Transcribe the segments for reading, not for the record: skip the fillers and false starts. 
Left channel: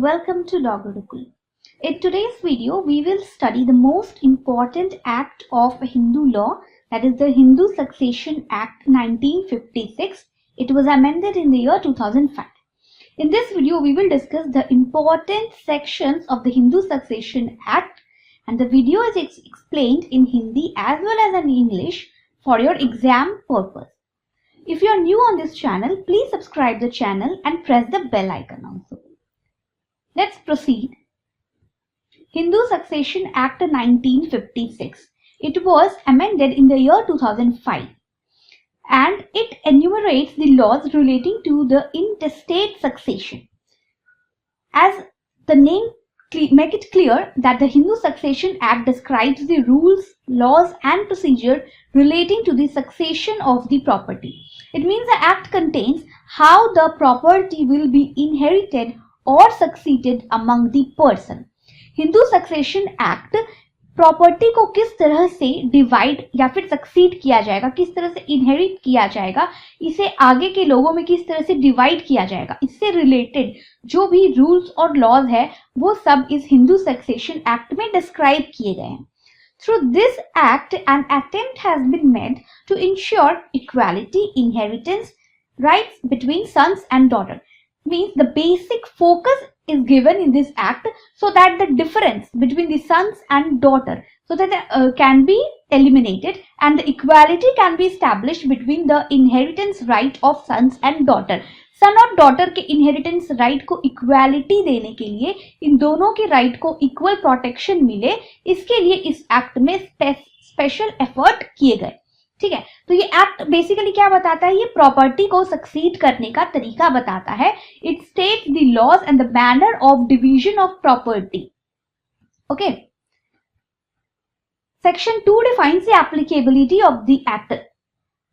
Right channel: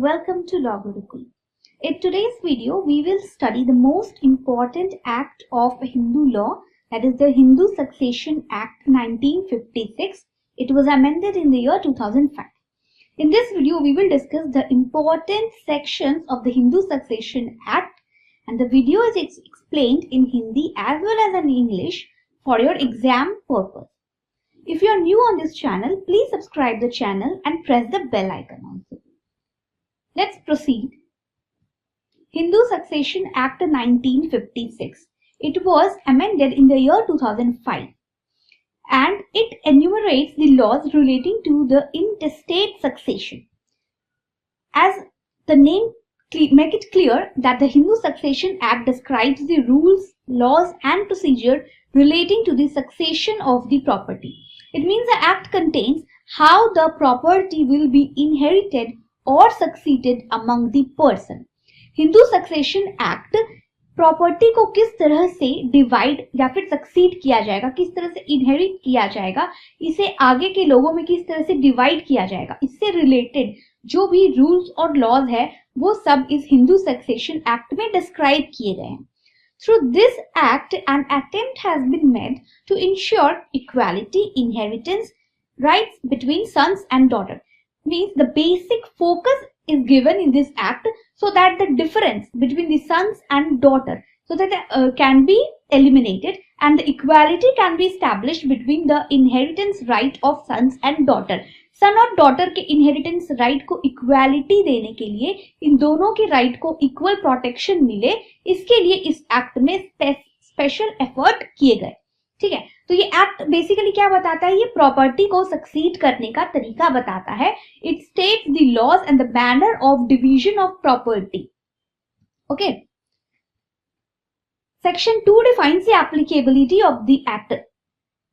welcome to Law Gurukul. In today's video, we will study the most important act of Hindu law, that is the Hindu Succession Act 1956. It was amended in the year 2005. In this video, we will discuss the important sections of the Hindu Succession Act, and the video is explained in Hindi as well as in English for your exam purpose. If you are new on this channel, please subscribe the channel and press the bell icon also. Let's proceed. Hindu Succession Act 1956. It was amended in the year 2005 and it enumerates the laws relating to the intestate succession. As the name make it clear that the Hindu Succession Act describes the rules, laws and procedure relating to the succession of the property. It means the act contains how the property will be inherited or succeeded among the person. Hindu succession act property को किस तरह से divide या फिर succeed किया जाएगा, किस तरह से इनहेरिट किया जाएगा, इसे आगे के लोगों में किस तरह से डिवाइड किया जाएगा, इससे रिलेटेड जो भी रूल्स और लॉज है वो सब इस हिंदू सक्सेशन एक्ट में डिस्क्राइब किए गए हैं. Through this act, an attempt has been made to ensure equality inheritance rights between sons and daughters. Means the basic focus is given in this act so that the difference between the sons and daughter so that can be eliminated and the equality can be established between the inheritance right of sons and daughter. सन और daughter के inheritance right को equality देने के लिए, इन दोनों के right को equal protection मिले, इसके लिए इस एक्ट में स्पेशल एफर्ट किए गए. ठीक है, तो ये एक्ट बेसिकली क्या बताता है, ये प्रॉपर्टी को सक्सीड करने का तरीका बताता है. It states the laws and the manner of division of property. Okay, section 2 defines the applicability of the act.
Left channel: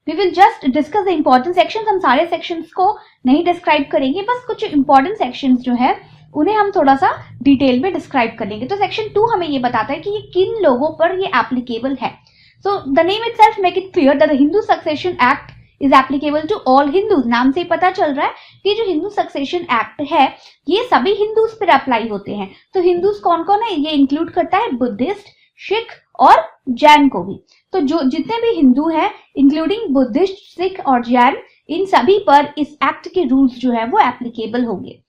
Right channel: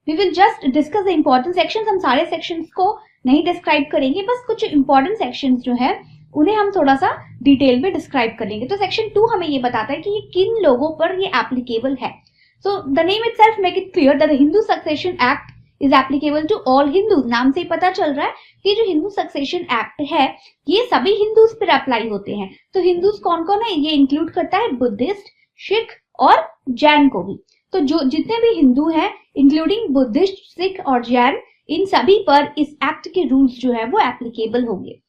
We will just discuss the important sections. हम सारे sections को नहीं डिस्क्राइब करेंगे, बस कुछ important sections जो है उन्हें हम थोड़ा सा डिटेल में डिस्क्राइब कर लेंगे. तो सेक्शन 2 हमें ये बताता है कि ये किन लोगों पर ये एप्लीकेबल है. So the name itself make it clear that the Hindu succession act is applicable to all Hindus. नाम से ही पता चल रहा है कि जो हिंदू सक्सेशन एक्ट है ये सभी हिंदूज पर अप्लाई होते हैं. तो हिंदूज कौन कौन है, ये इंक्लूड करता है बुद्धिस्ट, सिख और जैन को भी. तो जो जितने भी हिंदू हैं इंक्लूडिंग बुद्धिस्ट, सिख और जैन, इन सभी पर इस एक्ट के रूल्स जो है वो एप्लीकेबल होंगे.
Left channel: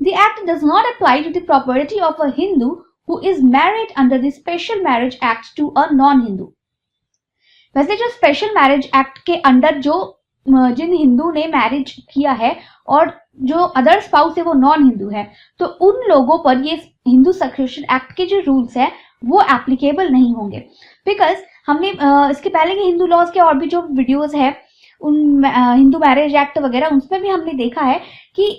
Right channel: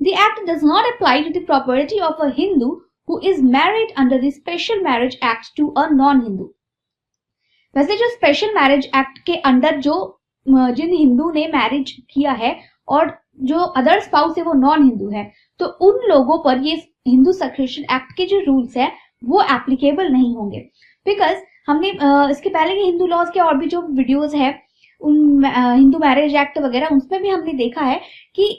The act does not apply to the property of a Hindu who is married under the special marriage act to a non Hindu. वैसे जो स्पेशल मैरिज एक्ट के अंडर जो जिन हिंदू ने मैरिज किया है और जो अदर स्पाउस है वो नॉन हिंदू है, तो उन लोगों पर ये हिंदू सक्सेशन एक्ट के जो रूल्स है वो एप्लीकेबल नहीं होंगे. बिकॉज हमने इसके पहले के हिंदू लॉज के और भी जो वीडियोस है उन हिंदू मैरिज एक्ट वगैरह उसमें भी हमने देखा है कि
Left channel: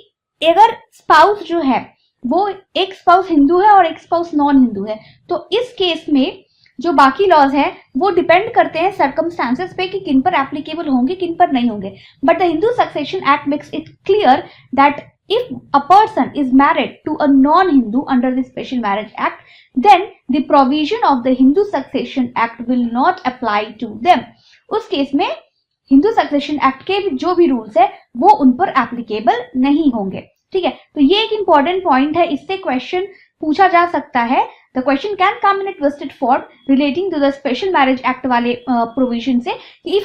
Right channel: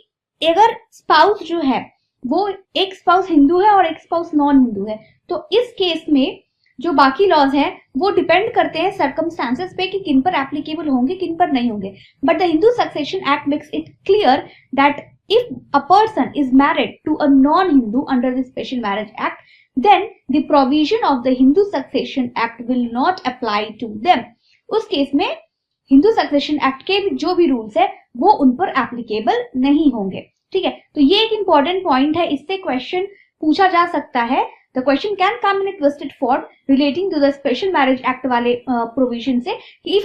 अगर स्पाउस जो है वो एक स्पाउस हिंदू है और एक स्पाउस नॉन हिंदू है, तो इस केस में जो बाकी लॉज है वो डिपेंड करते हैं सर्कमस्टांसेस पे कि किन पर एप्लीकेबल होंगे किन पर नहीं होंगे. But the Hindu succession act makes it clear that if a person is married to a non-Hindu under the Special Marriage Act, then the provision of the Hindu Succession Act will not apply to them. उस case में Hindu succession act के जो भी rules है वो उन पर applicable नहीं होंगे. ठीक है, तो ये एक इंपॉर्टेंट पॉइंट है, इससे क्वेश्चन पूछा जा सकता है. The question can come in a twisted form relating to the special marriage act वाले प्रोविजन से कि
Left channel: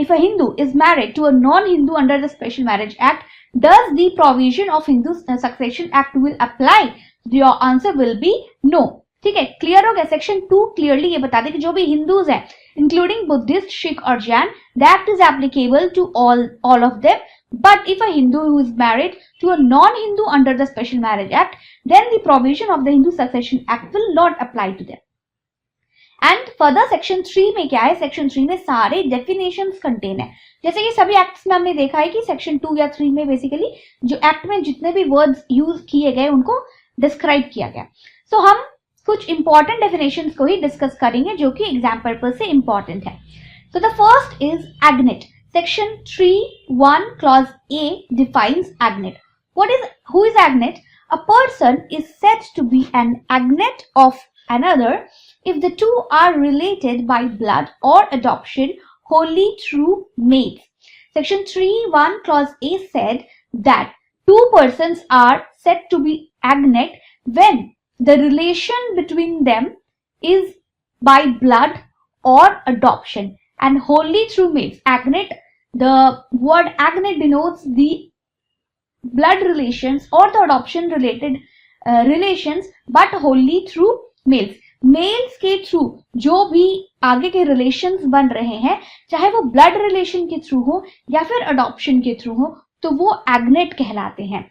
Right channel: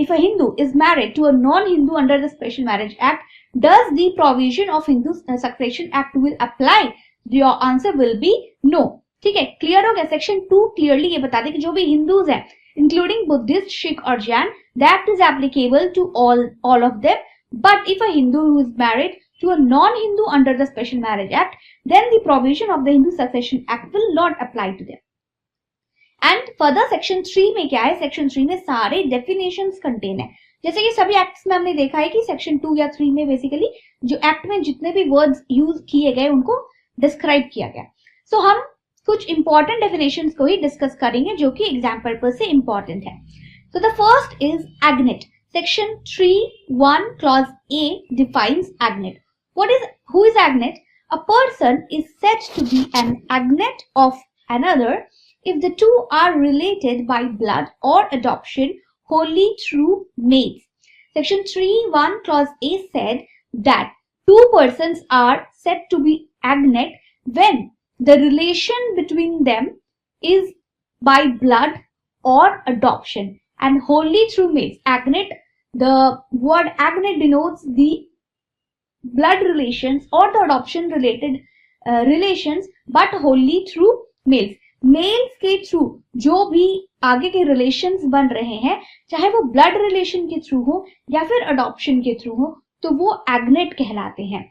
if a Hindu is married to a non-Hindu under the Special Marriage Act, does the provision of Hindu Succession Act will apply? Your answer will be no. ठीक है, clear हो गया. Section 2 clearly ये बता दे कि जो भी हिंदूज हैं इंक्लूडिंग बुद्धिस्ट, सिख और Jain, that is applicable to all of them. But if a Hindu who is married to a non-Hindu under the Special Marriage Act, then the provision of the Hindu Succession Act will not apply to them. And further section 3 में क्या है, section 3 में सारे definitions contain है. जैसे कि सभी acts में हमने देखा है कि सेक्शन 2 या 3 में बेसिकली जो एक्ट में जितने भी वर्ड्स यूज किए गए उनको डिस्क्राइब किया गया. सो हम कुछ इंपॉर्टेंट डेफिनेशंस को ही डिस्कस करेंगे जो कि एग्जाम पर्पस से इंपॉर्टेंट है. So the first is agnate. Section 3(1) clause A defines agnet. Who is agnet? A person is said to be an agnet of another if the two are related by blood or adoption wholly through mates. Section 3(1) clause A said that two persons are said to be agnate when the relation between them is by blood or adoption and wholly through males. Agnate, the word agnate denotes the blood relations or the adoption related relations but wholly through males. Males के through जो भी आगे के relations बन रहे हैं, चाहे वो ब्लड रिलेशन के थ्रू हो या फिर अडॉप्शन के थ्रू हो, तो वो एग्नेट कहलाते हैं.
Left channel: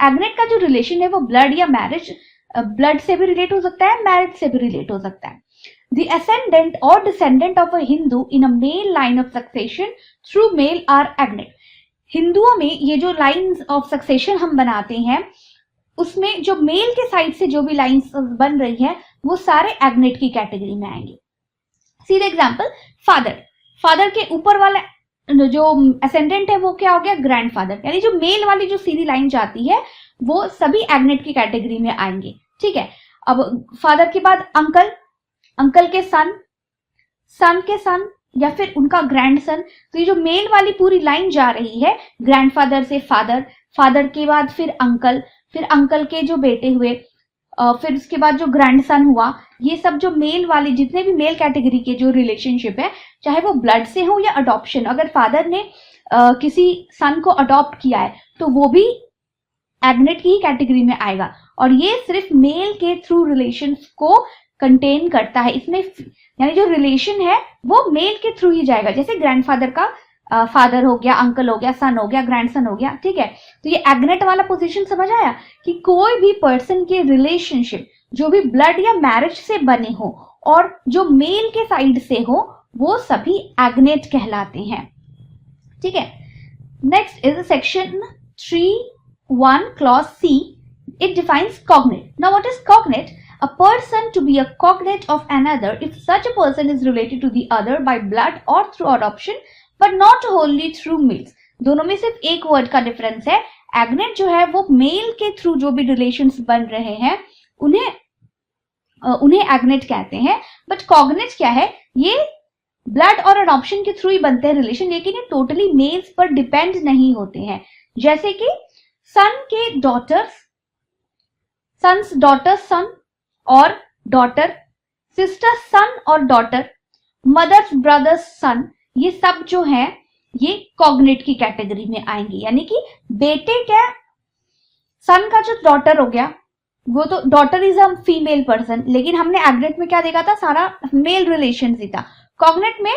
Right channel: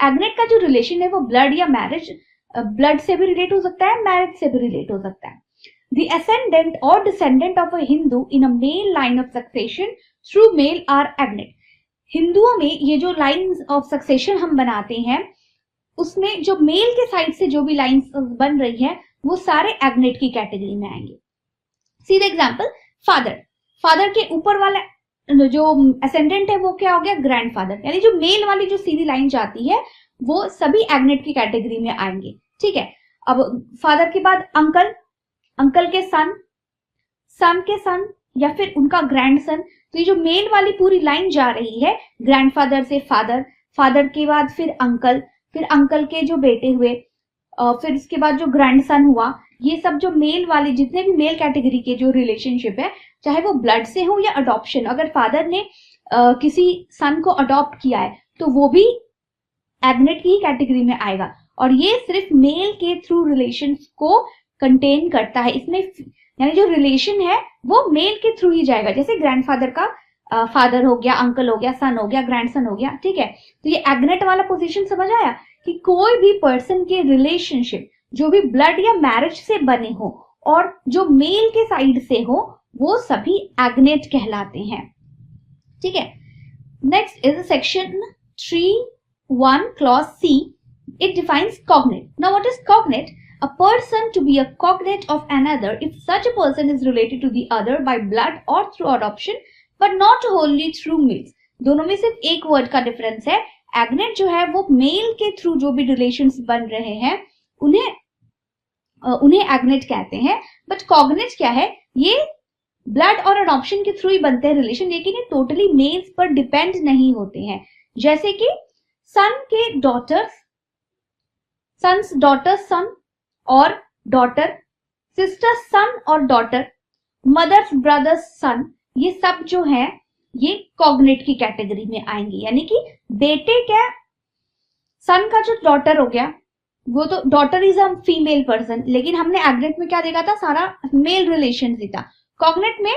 एग्नेट का जो रिलेशन है वो ब्लड या मैरिज, ब्लड से भी रिलेट हो सकता है, मैरिज से भी रिलेट हो सकता है. The ascendant or descendant of a Hindu in a male line of succession through male are agnate. हिंदुओं में ये जो लाइन्स ऑफ सक्सेशन हम बनाते हैं, उसमें जो मेल के साइड से जो भी लाइन्स बन रही है वो सारे एग्नेट की कैटेगरी में आएंगे. See the example, father. Father के ऊपर वाला जो असेंडेंट है वो क्या हो गया, ग्रैंडफादर. यानी जो मेल वाली जो सीधी लाइन जाती है वो सभी एग्नेट की कैटेगरी में आएंगे. ठीक है. अब फादर के बाद अंकल, अंकल के सन, सन के सन या फिर उनका ग्रैंडसन. तो ये जो मेल वाली पूरी लाइन जा रही है, ग्रैंडफादर से फादर, फादर के बाद फिर अंकल के जो बेटे हुए, फिर उसके बाद जो ग्रैंडसन हुआ, ये सब जो मेल वाले जितने भी मेल कैटेगरी के जो रिलेशनशिप है, चाहे वो ब्लड से हो या अडॉप्शन, अगर फादर ने किसी सन को अडॉप्ट किया है तो वो भी एग्नेट की कैटेगरी में आएगा. और ये सिर्फ मेल के थ्रू रिलेशंस को कंटेन करता है. इसमें यानी जो रिलेशन है वो मेल के थ्रू ही जाएगा. जैसे ग्रैंडफादर का फादर हो गया, अंकल हो गया, सन हो गया, ग्रैंडसन हो गया. ठीक है. तो ये एग्नेट वाला पोजीशन समझ आया कि कोई भी पर्सन के रिलेशनशिप जो भी ब्लड या मैरिज से बने हो और जो मेल के साइड से हो वो सभी एग्नेट कहलाते हैं. ठीक है. Next is section 3(1) clause C. It defines cognate. Now what is cognate? A person to be a cognate of another if such a person is related to the other by blood or through adoption but not wholly through males. दोनों में सिर्फ एक word का difference है. एग्नेट जो है वो mail के थ्रू जो भी रिलेशंस बन रहे हैं उन्हें एग्नेट कहते हैं. बट कॉग्नेट क्या है, ये ब्लड और अडॉप्शन के थ्रू ही बनते हैं रिलेशन, लेकिन ये टोटली मेल्स पर डिपेंड नहीं होते हैं. जैसे कि सन के डॉटर्स, सन्स डॉटर्स सन और डॉटर, सिस्टर सन और डॉटर, मदर्स ब्रदर्स सन, ये सब जो है ये कॉग्नेट की कैटेगरी में आएंगे. यानी कि बेटे क्या, सन का जो डॉटर हो गया वो तो daughter is a female person, लेकिन हमने एग्नेट में क्या देखा था, सारा मेल रिलेशन ही था. कॉग्नेट में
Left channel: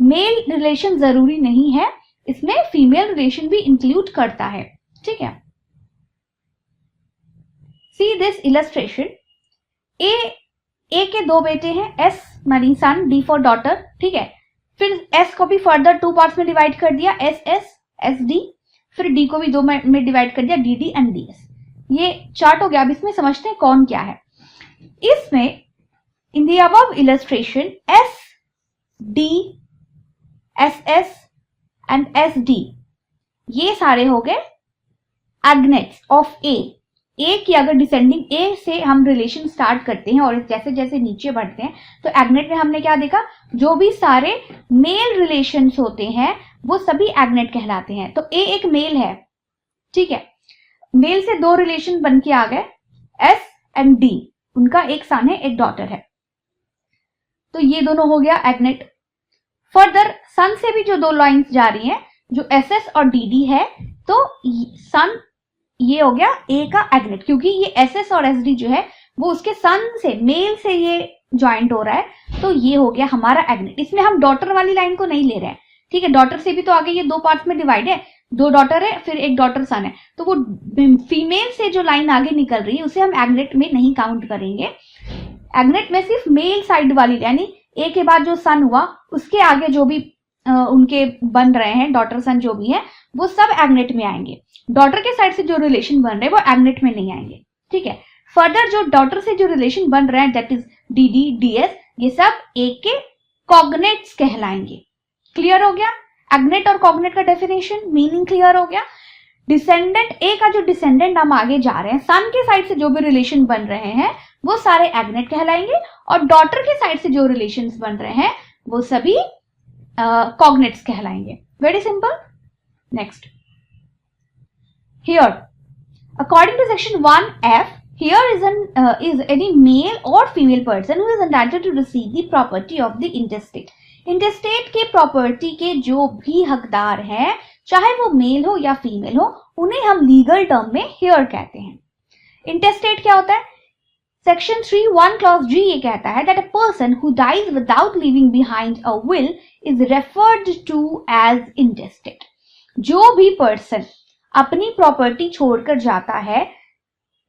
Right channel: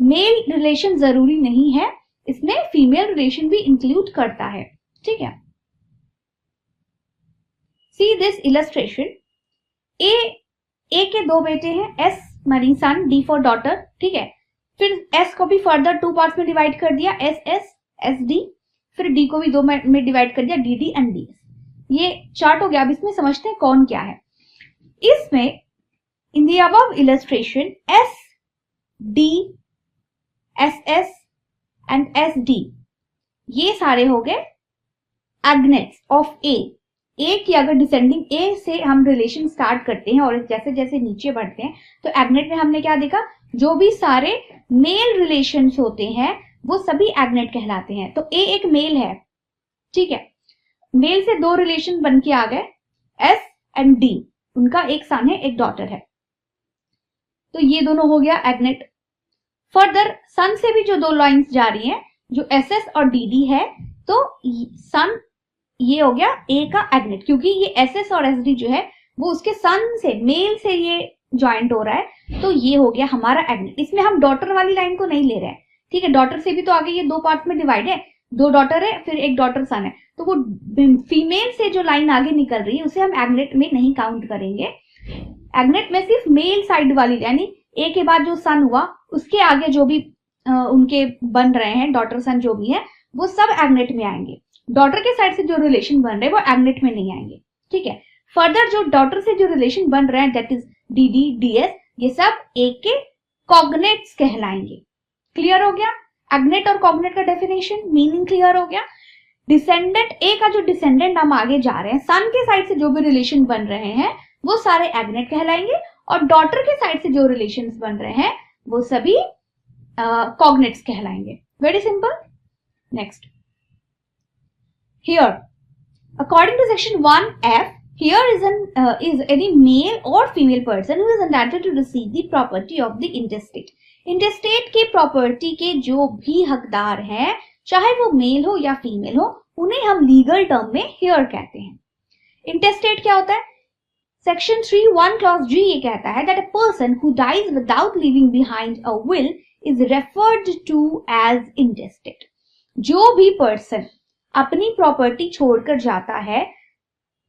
मेल रिलेशन जरूरी नहीं है, इसमें फीमेल रिलेशन भी इंक्लूड करता है. ठीक है. See this illustration. ए के दो बेटे हैं, एस मानी सन, डी फॉर डॉटर. ठीक है. फिर एस को भी फर्दर 2 पार्ट्स में डिवाइड कर दिया, एस एस एस डी. फिर डी को भी 2 में डिवाइड कर दिया, D D and D S. ये चार्ट हो गया. अब इसमें समझते हैं कौन क्या है. इसमें in the above illustration S D, S S and S D ये सारे हो गए एग्नेट्स ऑफ ए. ए की अगर डिसेंडिंग ए से हम रिलेशन स्टार्ट करते हैं और जैसे जैसे नीचे बढ़ते हैं तो एग्नेट में हमने क्या देखा, जो भी सारे मेल रिलेशंस होते हैं वो सभी एग्नेट कहलाते हैं. तो ए एक मेल है. ठीक है. मेल से 2 रिलेशन बन के आ गए, एस एंड डी, उनका एक सन है एक डॉटर है, तो ये दोनों हो गया एग्नेट. फर्दर सन से भी जो 2 लाइंस जा रही हैं, जो एस एस और डी डी है, तो सन ये हो गया ए का एग्नेट, क्योंकि ये एस एस और एस डी जो है वो उसके सन से, मेल से ये ज्वाइंट हो रहा है, तो ये हो गया हमारा एग्नेट. इसमें हम डॉटर वाली लाइन को नहीं ले रहे हैं. ठीक है. डॉटर से भी तो आगे ये 2 पार्ट्स में डिवाइड है, 2 डॉटर है फिर एक डॉटर सन है, तो वो फीमेल से जो लाइन आगे निकल रही है उसे हम एग्नेट में नहीं काउंट करेंगे. एग्नेट में सिर्फ मेल साइड वाली, यानी ए के बाद जो सन हुआ उसके आगे जो भी उनके बन रहे हैं डॉटर सन जो भी है वो सब एग्नेट में आएंगे. डॉटर के साइड से जो रिलेशन बन रहे हैं वो एग्नेट में नहीं आएंगे. ठीक है. फर्दर जो डॉटर से जो रिलेशन बन रहे हैं that is D D D S, ये सब ए के कॉग्नेट्स कहलाएंगे. क्लियर हो गया. एग्नेट और कॉग्नेट का डेफिनेशन, मीनिंग क्लियर हो गया. डिसेंडेंट, ए का जो डिसेंडेंट हम आगे जा रहे हैं, सन के साइड से जो भी रिलेशन बन रहे हैं वो सारे एग्नेट कहलाएंगे, और डॉटर के साइड से जो रिलेशन बन रहे हैं वो सभी कॉग्नेट्स कहलाएंगे. Very simple. Next, here According to section 1F, here is any male or female person who is entitled to receive the property of the intestate. इंटेस्टेट के प्रॉपर्टी के जो भी हकदार हैं, चाहे वो मेल हो या फीमेल हो, उन्हें हम लीगल टर्म में हेयर कहते हैं. इंटेस्टेट क्या होता है? सेक्शन 3(1) क्लॉज G ये कहता है that a person who dies without leaving behind a will is referred to as intestate. जो भी पर्सन अपनी प्रॉपर्टी छोड़कर जाता है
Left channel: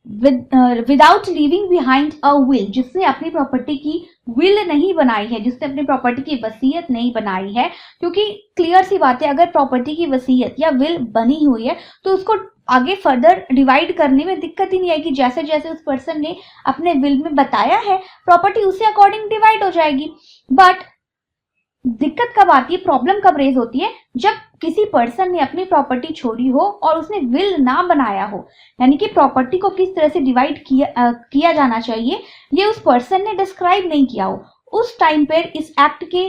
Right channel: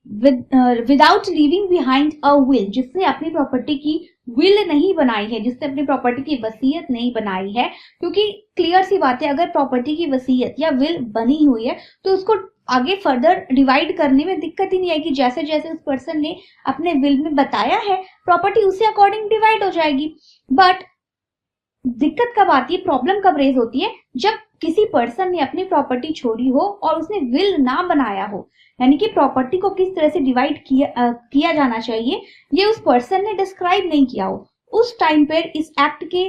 without leaving behind a will, जिसने अपनी प्रॉपर्टी की विल नहीं बनाई है, जिसने अपनी प्रॉपर्टी की वसीयत नहीं बनाई है, क्योंकि क्लियर सी बात है, अगर प्रॉपर्टी की वसीयत या विल बनी हुई है तो उसको आगे फर्दर डिवाइड करने में दिक्कत ही नहीं आएगी. जैसे जैसे उस पर्सन ने अपने विल में बताया है, प्रॉपर्टी उसी अकॉर्डिंग डिवाइड हो जाएगी. बट दिक्कत कब आती है, प्रॉब्लम कब रेज होती है, जब किसी पर्सन ने अपनी प्रॉपर्टी छोड़ी हो और उसने विल ना बनाया हो, यानी कि प्रॉपर्टी को किस तरह से डिवाइड किया जाना चाहिए ये उस पर्सन ने डिस्क्राइब नहीं किया हो. उस टाइम पर इस एक्ट के,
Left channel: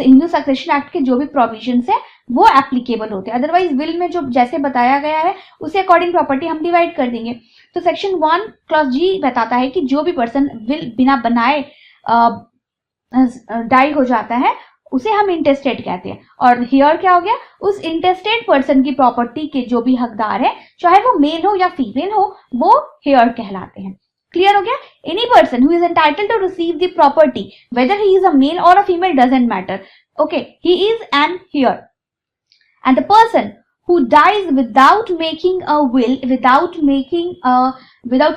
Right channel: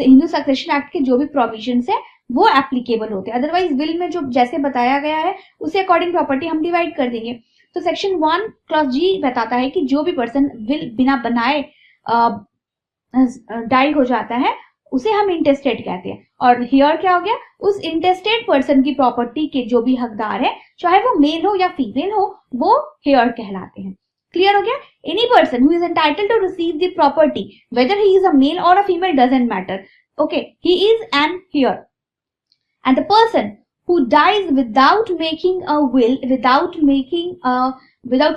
हिंदू सक्सेशन एक्ट के जो भी प्रोविजंस है वो एप्लीकेबल होते हैं. अदरवाइज विल में जो जैसे बताया गया है उसे अकॉर्डिंग प्रॉपर्टी हम डिवाइड कर देंगे. तो सेक्शन 1 क्लॉज G बताता है कि जो भी पर्सन विल बिना बनाए डाई हो जाता है उसे हम इंटेस्टेट कहते हैं. और हियर क्या हो गया, उस इंटेस्टेट पर्सन की प्रॉपर्टी के जो भी हकदार है, चाहे वो मेल हो या फीमेल हो, वो हियर कहलाते हैं. क्लियर हो गया? Any person who is entitled to receive the property whether he is a male और a female doesn't matter. Okay, he is an heir. And the person who dies without making a will, without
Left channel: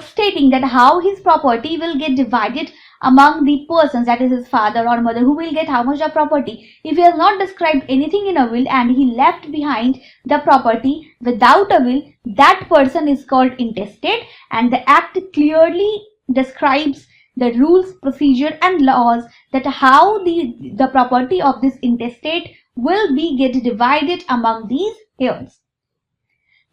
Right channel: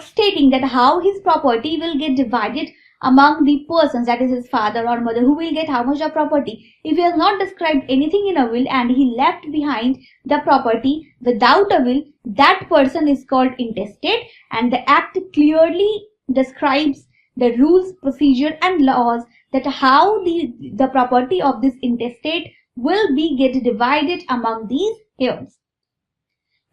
stating that how his property will get divided among the persons, that is his father or mother, who will get how much of property. If he has not described anything in a will and he left behind the property without a will, that person is called intestate, and the act clearly describes the rules, procedure and laws that how the property of this intestate will be get divided among these heirs.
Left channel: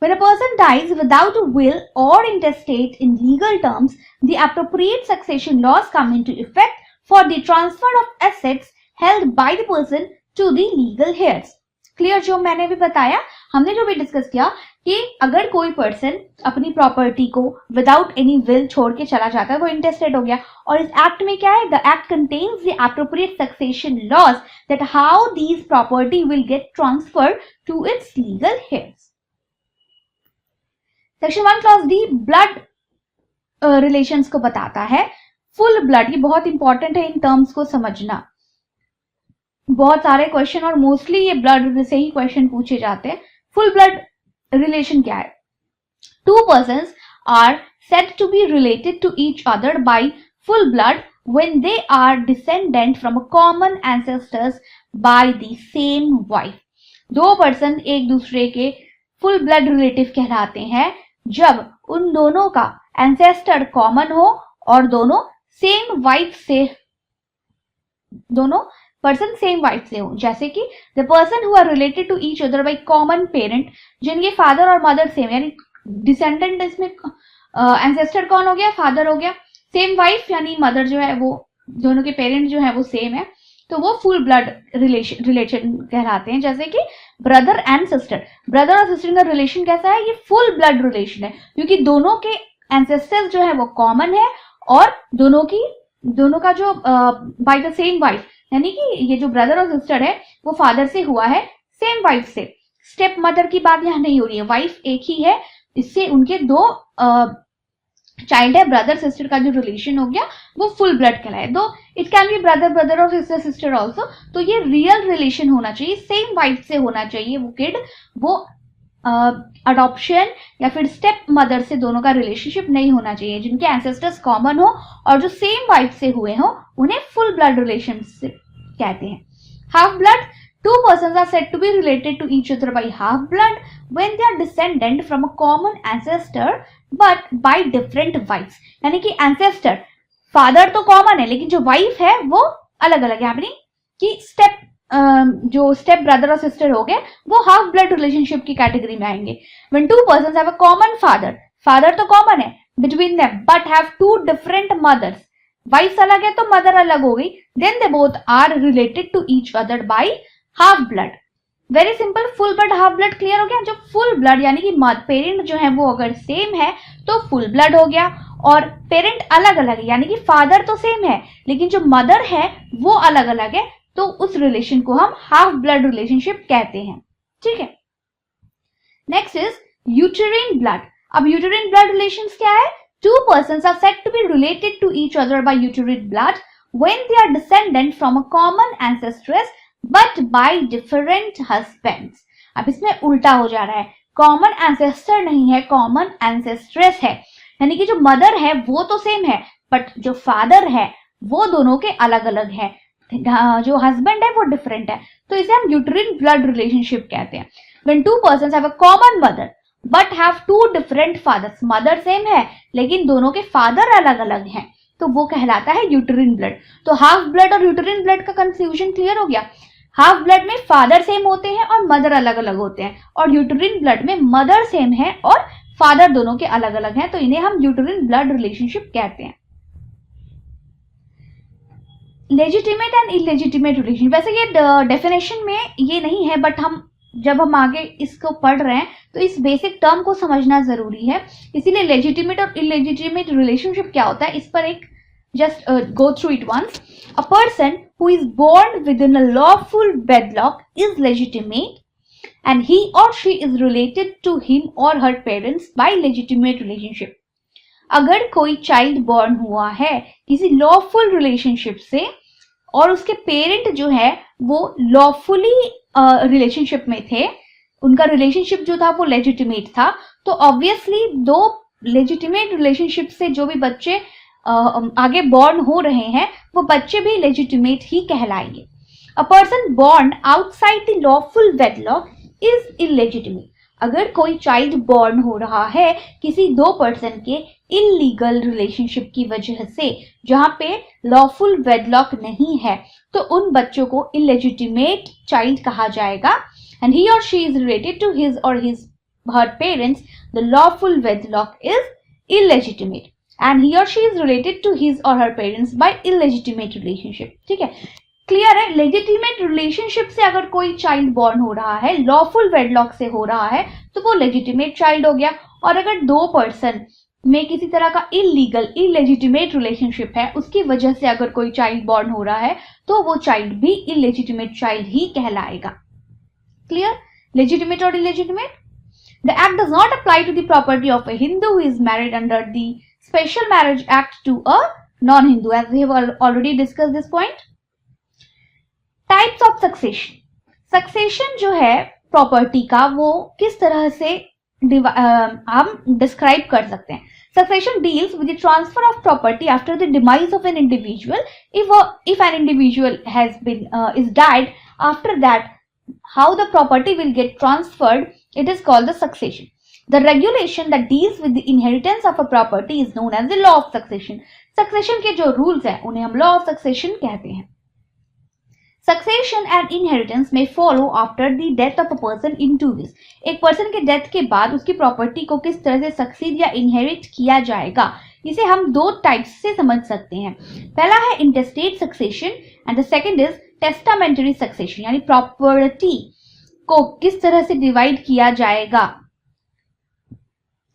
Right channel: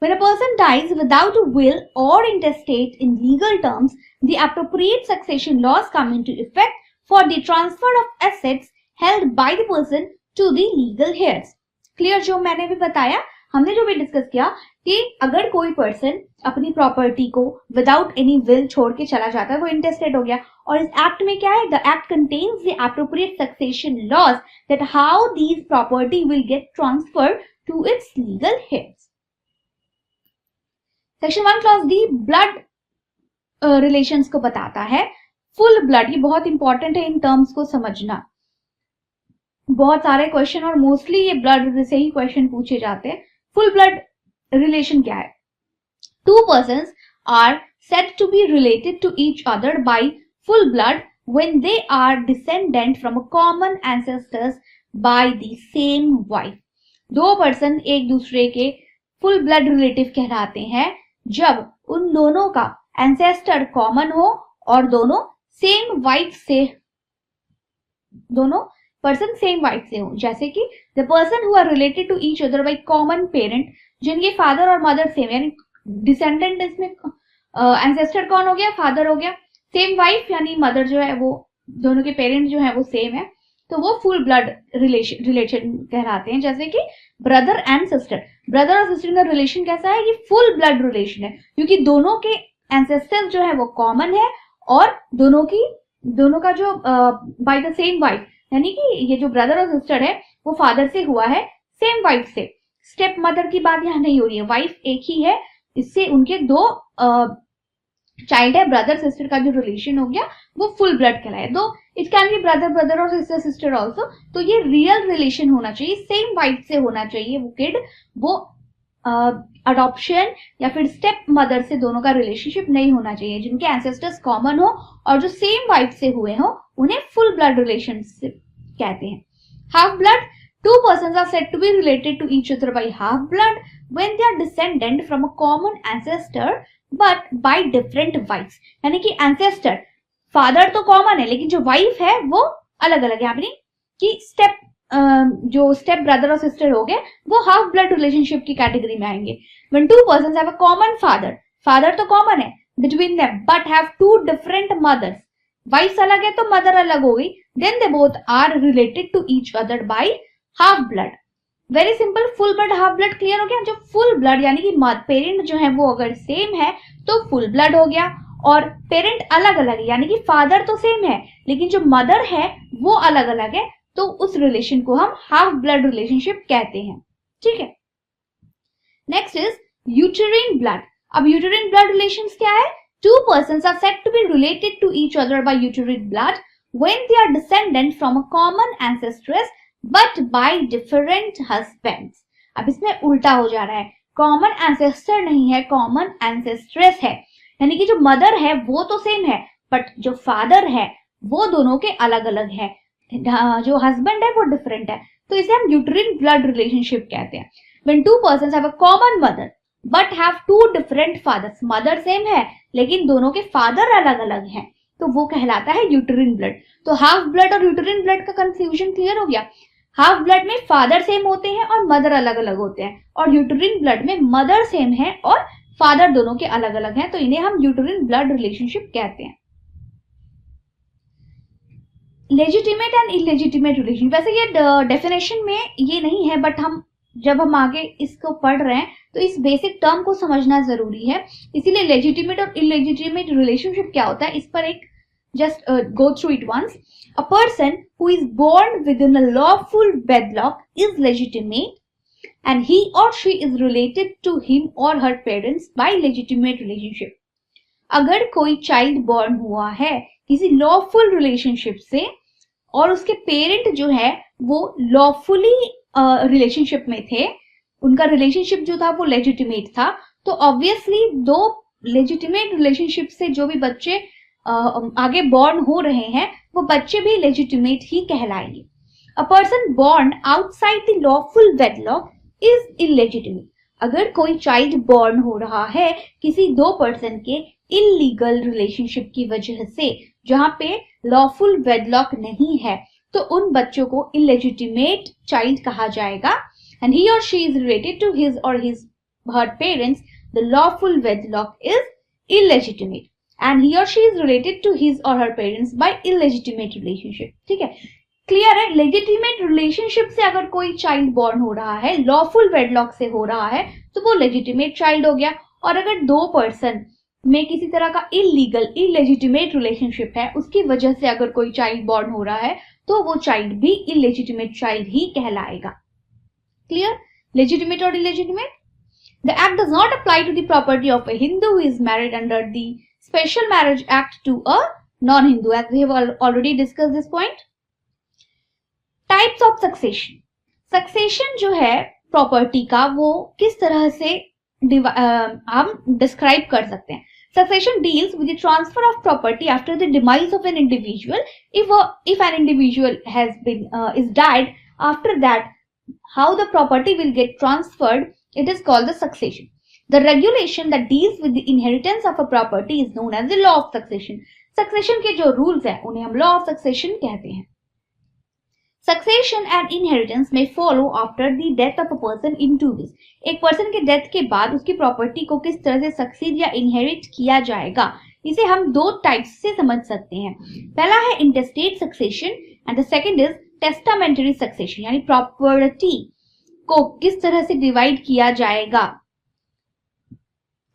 When a person dies without a will or intestate, in legal terms, the appropriate succession laws come into effect for the transfer of assets held by the person to the legal heirs. Clear? जो मैंने भी बताया, हमने जो भी discuss किया कि अगर कोई पर्सन अपनी प्रॉपर्टी को विदाउट एनी विल छोड़ के चला जाता है, वो इंटेस्टेट हो गया. और इस एक्ट में क्या है, the act contains the appropriate succession laws that how these property will get transfer to its legal heirs. Section 1 clause D blood relations को बताता है. फुल ब्लड, ये बहुत इंपॉर्टेंट है इन टर्म्स को समझना. बहुत सारे क्वेश्चन और मोस्टली ये ब्लड से ही क्वेश्चन पूछे जाते हैं. फुल ब्लड रिलेशन क्या है? Two persons are said to be related to each other by full blood when they are descendant from a common ancestors by the same wife. दो person एक दूसरे के फुल ब्लड रिलेटिव कहलाते हैं जब उन दोनों का एंसेस्टर कॉमन हो और दोनों पर्सन सेम वाइफ से हो. जैसे कि the person who are related to each other by common parent, जिनके फादर और मदर सेम, यानी डिसेंडेंट इसमें एंसेस्टर कौन हो गया, फादर हो गया. सेम वाइफ यानी मदर जो है वो दोनों के पेरेंट जो है वो सेम है, तो वो फुल ब्लड रिलेशन कहलाते हैं. जैसे कि ब्रदर एंड सिस्टर, ब्रदर और सिस्टर का रिलेशन कैसा है, ये फुल ब्लड रिलेशन है, क्योंकि दोनों के एंसेस्टर्स जो है वो कॉमन है और दोनों का जो बाय द सेम वाइफ, यानी कि ये जो ब्रदर और सिस्टर है वो फादर से हुआ है सेम वाइफ से. स्टेप मदर की बात यहाँ नहीं हो रही है, वाइफ एक ही है, इससे उनके दो चाइल्ड है. ब्रदर सिस्टर का जो रिलेशन हो गया वो फुल ब्लड कहलाए. दो इट कैन बी ब्रदर और सिस्टर सिस्टर ऑल्सो. तो ये रियल रिलेशन होना चाहिए, सेम वाइफ से होना चाहिए वो किड. वो अडॉप्शन या फिर स्टेप मदर से दोनों का रिलेशनशिप नहीं होना चाहिए. जिनके एंसेस्टर्स कॉमन हो और जो सेम वाइफ से हुए हो उन्हें फुल ब्लड रिलेशनशिप कहते हैं. Half blood, two persons are said to be related to each other by half blood when they are descendant from a common ancestor but by different wives. यानी कि ancestor father तो common है लेकिन जो wife है वो अलग अलग है. यानी कि जो स्टेप ब्रदर और सिस्टर हो गए वो हाफ ब्लड रिलेशनशिप की कैटेगरी में आएंगे. When two persons have a common father, father तो कॉमन है between them but have two different mothers, wife अलग है तो मदर अलग हो गई, then they both are related to each other by half blood. Very simple, full blood half blood clear हो गया। जो फुल ब्लड यानी कि पेरेंट जो है वो अगर सेम है तो फुल ब्लड हो गया, और पेरेंट अलग अलग है यानी कि फादर तो सेम है लेकिन जो मदर है वो अलग अलग है, तो उस रिलेशन को हम हाफ ब्लड रिलेशनशिप कहते हैं। ठीक है, नेक्स्ट इज यूटेरिन ब्लड। अब यूटेरिन ब्लड रिलेशंस क्या है? Two persons are said to be related to each other by uterine blood when they are descendant from a common ancestress but by different husbands. अब इसमें उल्टा हो जा रहा है, कॉमन एंसेस्टर नहीं है, कॉमन एंसेस्ट्रेस है, यानी कि जो मदर है वो तो सेम है बट जो फादर है वो दोनों के अलग अलग है, जो हस्बैंड है वो डिफरेंट है, तो इसे हम यूटेरिन ब्लड रिलेशनशिप कहते हैं। When two persons have a common mother but have two different fathers, mother same है लेकिन दोनों के फादर अलग अलग हैं, तो वो कहलाता है यूटेरिन ब्लड। तो हाफ ब्लड और यूटेरिन ब्लड का कंफ्यूजन क्लियर हो गया। हाफ ब्लड में फादर सेम होते हैं और मदर अलग अलग होते हैं, और यूटेरिन ब्लड में मदर सेम है और फादर दोनों के अलग अलग हैं, तो इन्हें हम यूटेरिन ब्लड रिलेशनशिप कहते हैं। लेजिटिमेट एंड इलेजिटिमेट रिलेशन, वैसे ये डेफिनेशन में ये नहीं है बट हम जब हम आगे इसको पढ़ रहे हैं तो इस बेसिक टर्म को समझना जरूरी है, इसीलिए लेजिटिमेट और इलेजिटिमेट रिलेशनशिप क्या होता है इस पर एक just go through it once. A person who is born within a lawful wedlock is legitimate and he और she is related to him और her parents by legitimate relationship. अगर कोई चाइल्ड बॉर्न हुआ है किसी lawful relationship से और उसके पेरेंट जो है वो लॉफुली रिलेशनशिप में थे, उनका रिलेशनशिप जो था वो लेजिटिमेट था, तो ऑब्वियसली दो लेजिटिमेट रिलेशनशिप से जो भी बच्चे आगे बॉर्न हो रहे हैं वो बच्चे भी लेजिटिमेट ही कहलाएंगे। A person born outside the lawful wedlock is illegitimate. अगर कोई चाइल्ड बॉर्न हो रहा है किसी दो पर्सन के इलीगल रिलेशनशिप की वजह से जहां पे लॉफुल वेडलॉक नहीं है, तो उन बच्चों को इलेजिटिमेट चाइल्ड कहा जाएगा। एंड ही और she is related to his और his her parents, the lawful wedlock is illegitimate and he और she is related to his और her parents by illegitimate relationship. ठीक है, क्लियर है। लेजिटिमेट रिलेशनशिप से अगर कोई चाइल्ड बॉर्न हो रहा है, लॉफुल वेडलॉक से हो रहा है, तो वो लेजिटिमेट चाइल्ड हो गया। और अगर दो पर्सन में किसी तरह का इलीगल इलेजिटिमेट रिलेशनशिप है, उसकी वजह से अगर कोई चाइल्ड बॉर्न हो रहा है तो वो चाइल्ड भी इलेजिटिमेट चाइल्ड ही कहलाएगा। क्लियर, लेजिटिमेट और illegitimate. The act does not apply to the property of a Hindu who is married under the special marriage act to a non Hindu, as we have already discuss this point. Types of succession. Succession जो है property का वो किस तरह से हम describe कर सकते हैं। Succession deals with the transfer of property after the demise of an individual. If an individual has been is died, after that, how the property will get transferred, it is called the succession. The regulation that deals with the inheritance of a property is known as the law of succession. Succession के जो rules हैं उन्हें हम law of succession कहते हैं। Succession and inheritance may follow after the death of a person in two ways. एक person के death के बाद उसकी प्रॉपर्टी को किस तरह से सक्सीड या इनहेरिट किया जाएगा, इसे हम दो टाइप्स से समझ सकते हैं। पहला है intestate succession and the second is testamentary succession, यानी प्रॉपर्टी को किस तरह से डिवाइड किया जाएगा।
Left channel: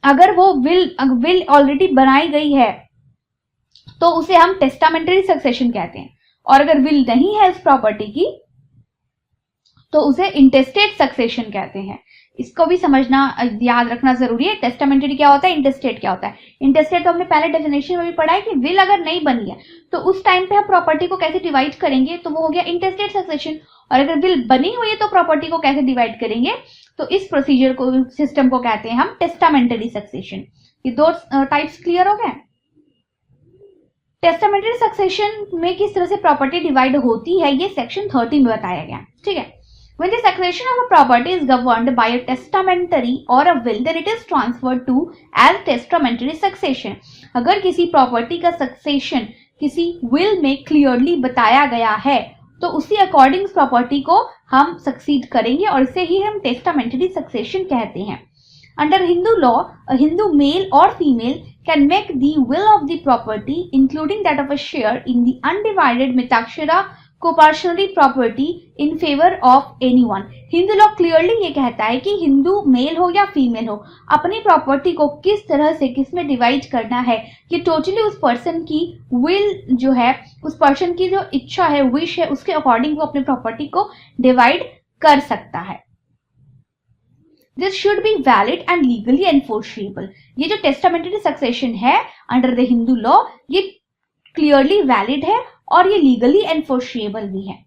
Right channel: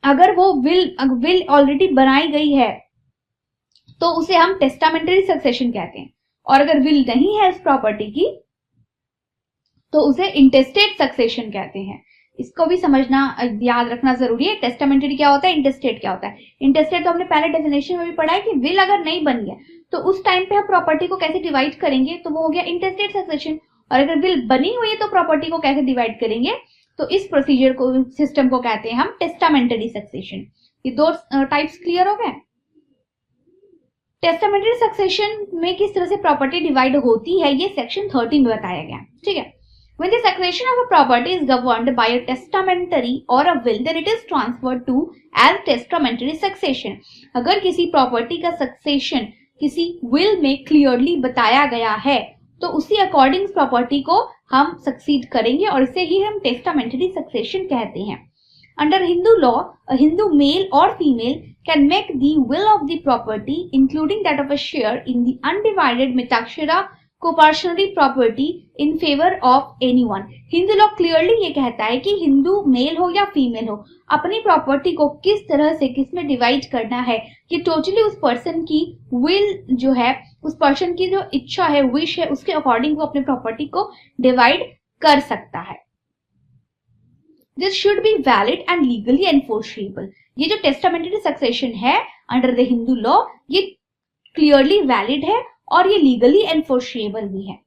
अगर वो विल ऑलरेडी बनाई गई है तो उसे हम टेस्टामेंटरी सक्सेशन कहते हैं, और अगर विल नहीं है इस प्रॉपर्टी की तो उसे इंटेस्टेट सक्सेशन कहते हैं। इसको भी समझना याद रखना जरूरी है। टेस्टामेंटरी क्या होता है, इंटेस्टेट क्या होता है। इंटेस्टेट तो हमने पहले डेफिनेशन में भी पढ़ा है कि विल अगर नहीं बनी है तो उस टाइम पे हम प्रॉपर्टी को कैसे डिवाइड करेंगे, तो वो हो गया इंटेस्टेट सक्सेशन। और अगर विल बनी हुई है तो प्रॉपर्टी को कैसे डिवाइड करेंगे, तो इस प्रोसीजर को, सिस्टम को कहते हैं हम टेस्टामेंटरी सक्सेशन। ये दो टाइप्स क्लियर हो गए। टेस्टामेंटरी सक्सेशन में किस तरह से प्रॉपर्टी डिवाइड होती है ये सेक्शन 30 में बताया गया। ठीक है, when the succession of a property is governed by a testamentary or a will, then it is transferred to as testamentary succession. अगर किसी प्रॉपर्टी का सक्सेशन किसी विल में क्लियरली बताया गया है तो उसी अकॉर्डिंग प्रॉपर्टी को हम सक्सीड करेंगे और इसे ही हम टेस्टामेंटरी सक्सेशन कहते हैं। Under Hindu law, a Hindu male or female can make the will of the property, including that of a share in the undivided Mitakshara coparcenary property in favour of anyone. Hindu law clearly ये कहता है कि Hindu mail हो या female हो, अपनी property को किस तरह से किस में डिवाइड करना है, ये टोटली उस पर्सन की विल जो है, उस पर्सन की जो इच्छा है, विश है, उसके अकॉर्डिंग वो अपनी प्रॉपर्टी को डिवाइड कर सकता है। This should be valid and legally enforceable. ये जो टेस्टामेंटरी सक्सेशन है अंडर द हिंदू लॉ, ये क्लियरली वैलिड है और ये लीगली एनफोर्सेबल भी है।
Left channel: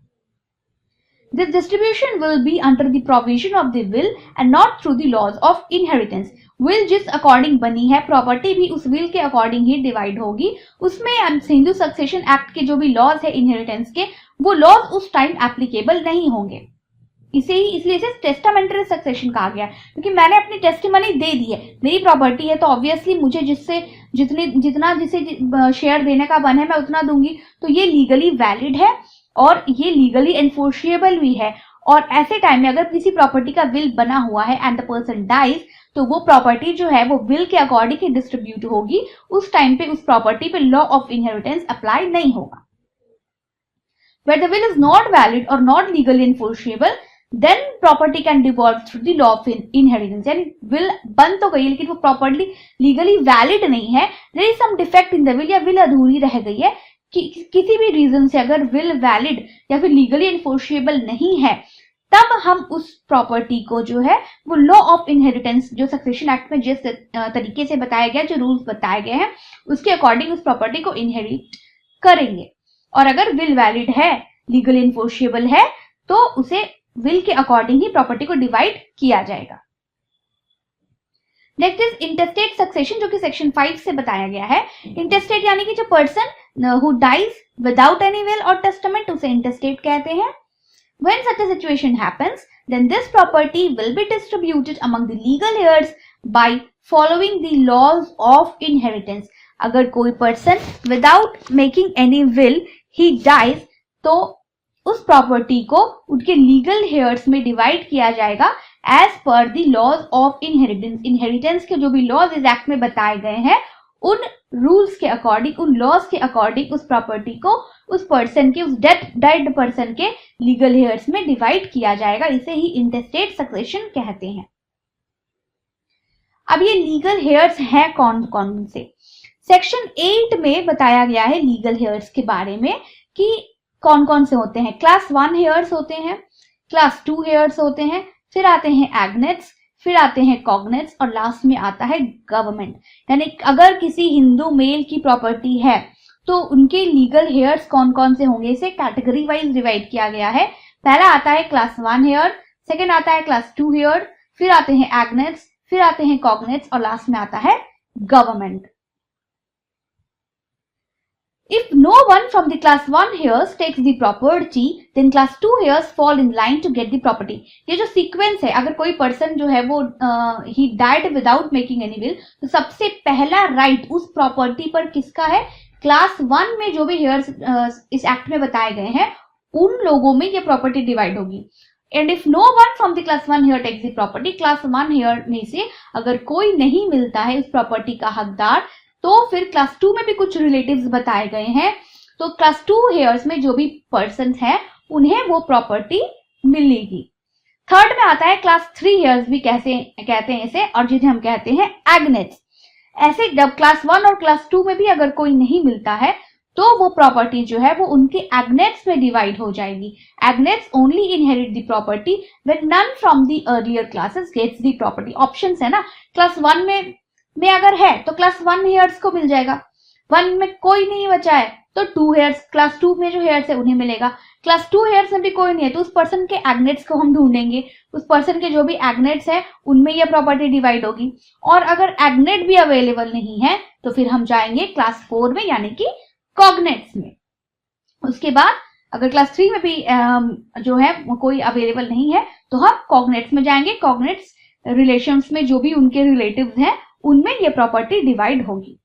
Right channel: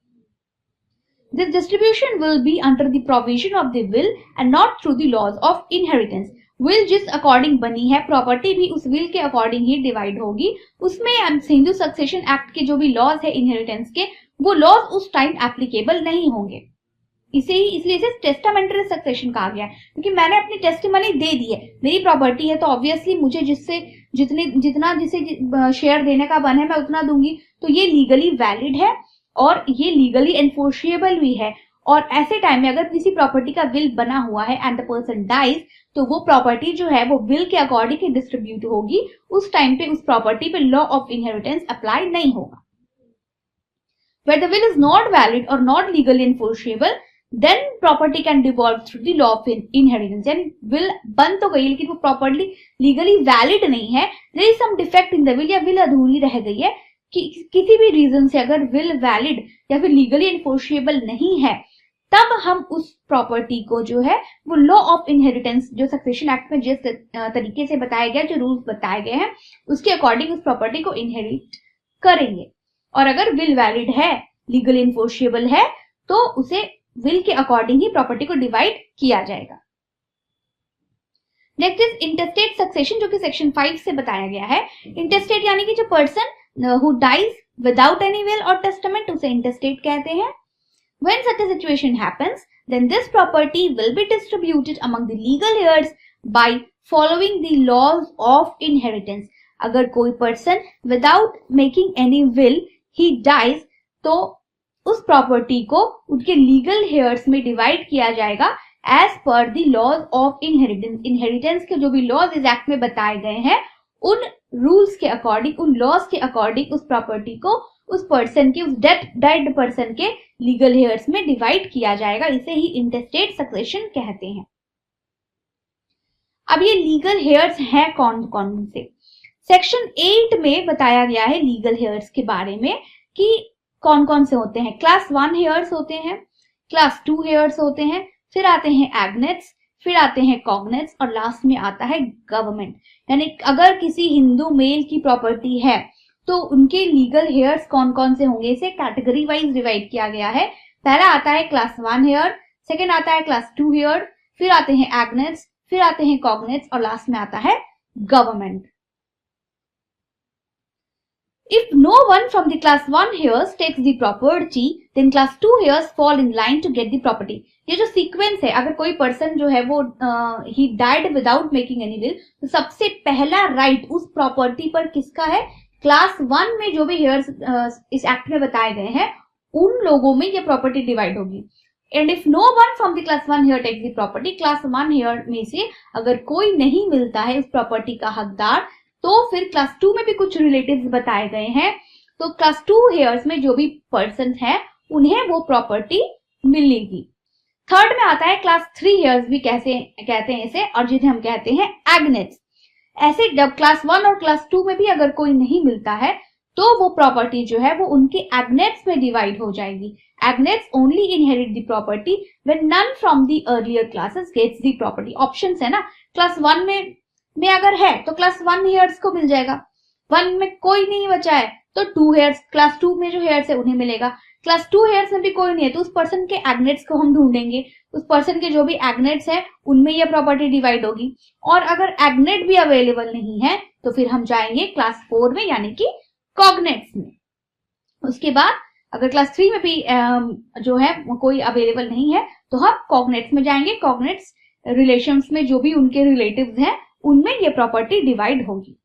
This distribution will be under the provision of the will and not through the laws of inheritance. Will जिस अकॉर्डिंग बनी है, प्रॉपर्टी भी उस विल के अकॉर्डिंग ही डिवाइड होगी। उसमें हिंदू सक्सेशन एक्ट के जो भी लॉज है इनहेरिटेंस के, वो लॉज उस टाइम एप्लीकेबल नहीं होंगे। इसलिए इसे टेस्टामेंटरी सक्सेशन कहा गया, क्योंकि मैंने अपनी टेस्टिमनी दे दी है, मेरी प्रॉपर्टी है, तो ऑब्वियसली मुझे जितना जिसे शेयर देने का बन है मैं उतना दूंगी, तो ये लीगली वैलिड है और ये लीगली एनफोर्सेबल भी है। और ऐसे टाइम में अगर किसी प्रॉपर्टी का विल बना हुआ है एंड द पर्सन डाइज, तो वो प्रॉपर्टी जो है वो विल के अकॉर्डिंग ही डिस्ट्रीब्यूट होगी। उस टाइम पे उस प्रॉपर्टी पे लॉ ऑफ इनहेरिटेंस अप्लाई नहीं होगा। Where the will is not valid or not legally enforceable, then property can devolve through the law of inheritance. यानी will बन तो गई लेकिन वो प्रॉपर्टी लीगली वैलिड नहीं है, there is some defect in the will, या विल अधूरी रह गई है कि किसी भी रीजन से अगर विल वैलिड या फिर लीगली एनफोर्सेबल नहीं है, तब हम उस प्रॉपर्टी को जो है वो लॉ ऑफ इनहेरिटेंस जो सक्सेशन एक्ट में जिस तरीके से बताया गया, जो रूल्स बताए गए हैं, उसके अकॉर्डिंग उस प्रॉपर्टी को इनहेरिट करेंगे। और अगर विल वैलिड है, लीगल इनफोर्सेबल है, तो उसे विल के अकॉर्डिंग ही प्रॉपर्टी को डिवाइड किया जाएगा। नेक्स्ट इज इंटेस्टेट सक्सेशन, जो कि सेक्शन 5 से बताया गया है। इंटेस्टेट यानी कि जो person who dies without any will और टेस्टामेंट, उसे इंटेस्टेट कहते हैं। When such a situation happens, then this property will be distributed among the legal heirs by following the laws of inheritance. अगर कोई person without making any will ही dies, तो उस property को उनके लीगल हेयर्स में डिवाइड किया जाएगा as per the laws of inheritance. Inheritance के जो भी लॉज इस एक्ट में बताए गए हैं, उन रूल्स के अकॉर्डिंग, उन लॉज के अकॉर्डिंग उस प्रॉपर्टी को उस पर्सन के, उस डेड पर्सन के लीगल हेयर्स में डिवाइड किया जाएगा। इसे ही इंटेस्टेट सक्सेशन कहते हैं। अब ये लीगल हेयर्स हैं कौन कौन से? सेक्शन 8 में बताया गया है लीगल हेयर्स के बारे में कि कौन कौन से होते हैं। क्लास 1 हेयर्स होते हैं, क्लास 2 हेयर्स होते हैं, फिर आते हैं एग्नेट्स, फिर आते हैं कॉग्नेट्स और लास्ट में आता है गवर्नमेंट। यानी अगर किसी हिंदू मेल की प्रॉपर्टी है तो उनके लीगल हेयर्स कौन कौन से होंगे, इसे कैटेगरी वाइज डिवाइड किया गया है। पहला आता है क्लास 1 हेयर, सेकंड आता है क्लास 2 हेयर, फिर आते हैं एग्नेट्स, फिर आते हैं कॉग्नेट्स और लास्ट में आता है government. If no one from the class 1 heirs takes the property, then class 2 heirs fall in line to get the property. ये जो सीक्वेंस है, अगर कोई पर्सन जो है वो he died without making any will, तो सबसे पहला राइट उस प्रॉपर्टी पर किसका है? क्लास 1 में जो भी हेयर्स इस एक्ट में बताए गए हैं, उन लोगों में ये प्रॉपर्टी डिवाइड होगी। And if no one from the class 1 heir takes the property, class 1 heir में से अगर कोई नहीं मिलता है इस प्रॉपर्टी का हकदार, तो फिर क्लास 2 में भी कुछ रिलेटिव्स बताए गए हैं, तो क्लास 2 हेयर्स में जो भी पर्सन हैं उन्हें वो प्रॉपर्टी मिलेगी। थर्ड में आता है क्लास 3 हेयर्स भी कैसे कहते हैं इसे, और जिन्हें हम कहते हैं एग्नेट्स। ऐसे जब क्लास 1 और क्लास 2 में भी अगर कोई नहीं मिलता है, तो वो प्रॉपर्टी जो है वो उनके एग्नेट्स में डिवाइड हो जाएगी। Agnates only inherit the property when none from the earlier classes gets the property. Options है ना, क्लास 1 में अगर है तो क्लास 1 हेयर्स को मिल जाएगा, 1 में कोई नहीं बचा है तो 2 हेयर्स, क्लास 2 में जो हेयर्स है उन्हें मिलेगा। क्लास 2 हेयर्स में भी कोई नहीं है तो उस पर्सन के एग्नेट्स को हम ढूंढेंगे, उस पर्सन के जो भी एग्नेट्स है उनमें यह प्रॉपर्टी डिवाइड होगी। और अगर एग्नेट भी अवेलेबल नहीं है तो फिर हम जाएंगे क्लास 4 में, यानी कि कॉग्नेट्स में। उसके बाद अगर क्लास 3 में भी जो है कोई अवेलेबल नहीं है तो हम कॉग्नेट्स में जाएंगे। कॉग्नेट्स रिलेशंस में जो भी उनके रिलेटिव्स हैं उनमें ये प्रॉपर्टी डिवाइड होगी।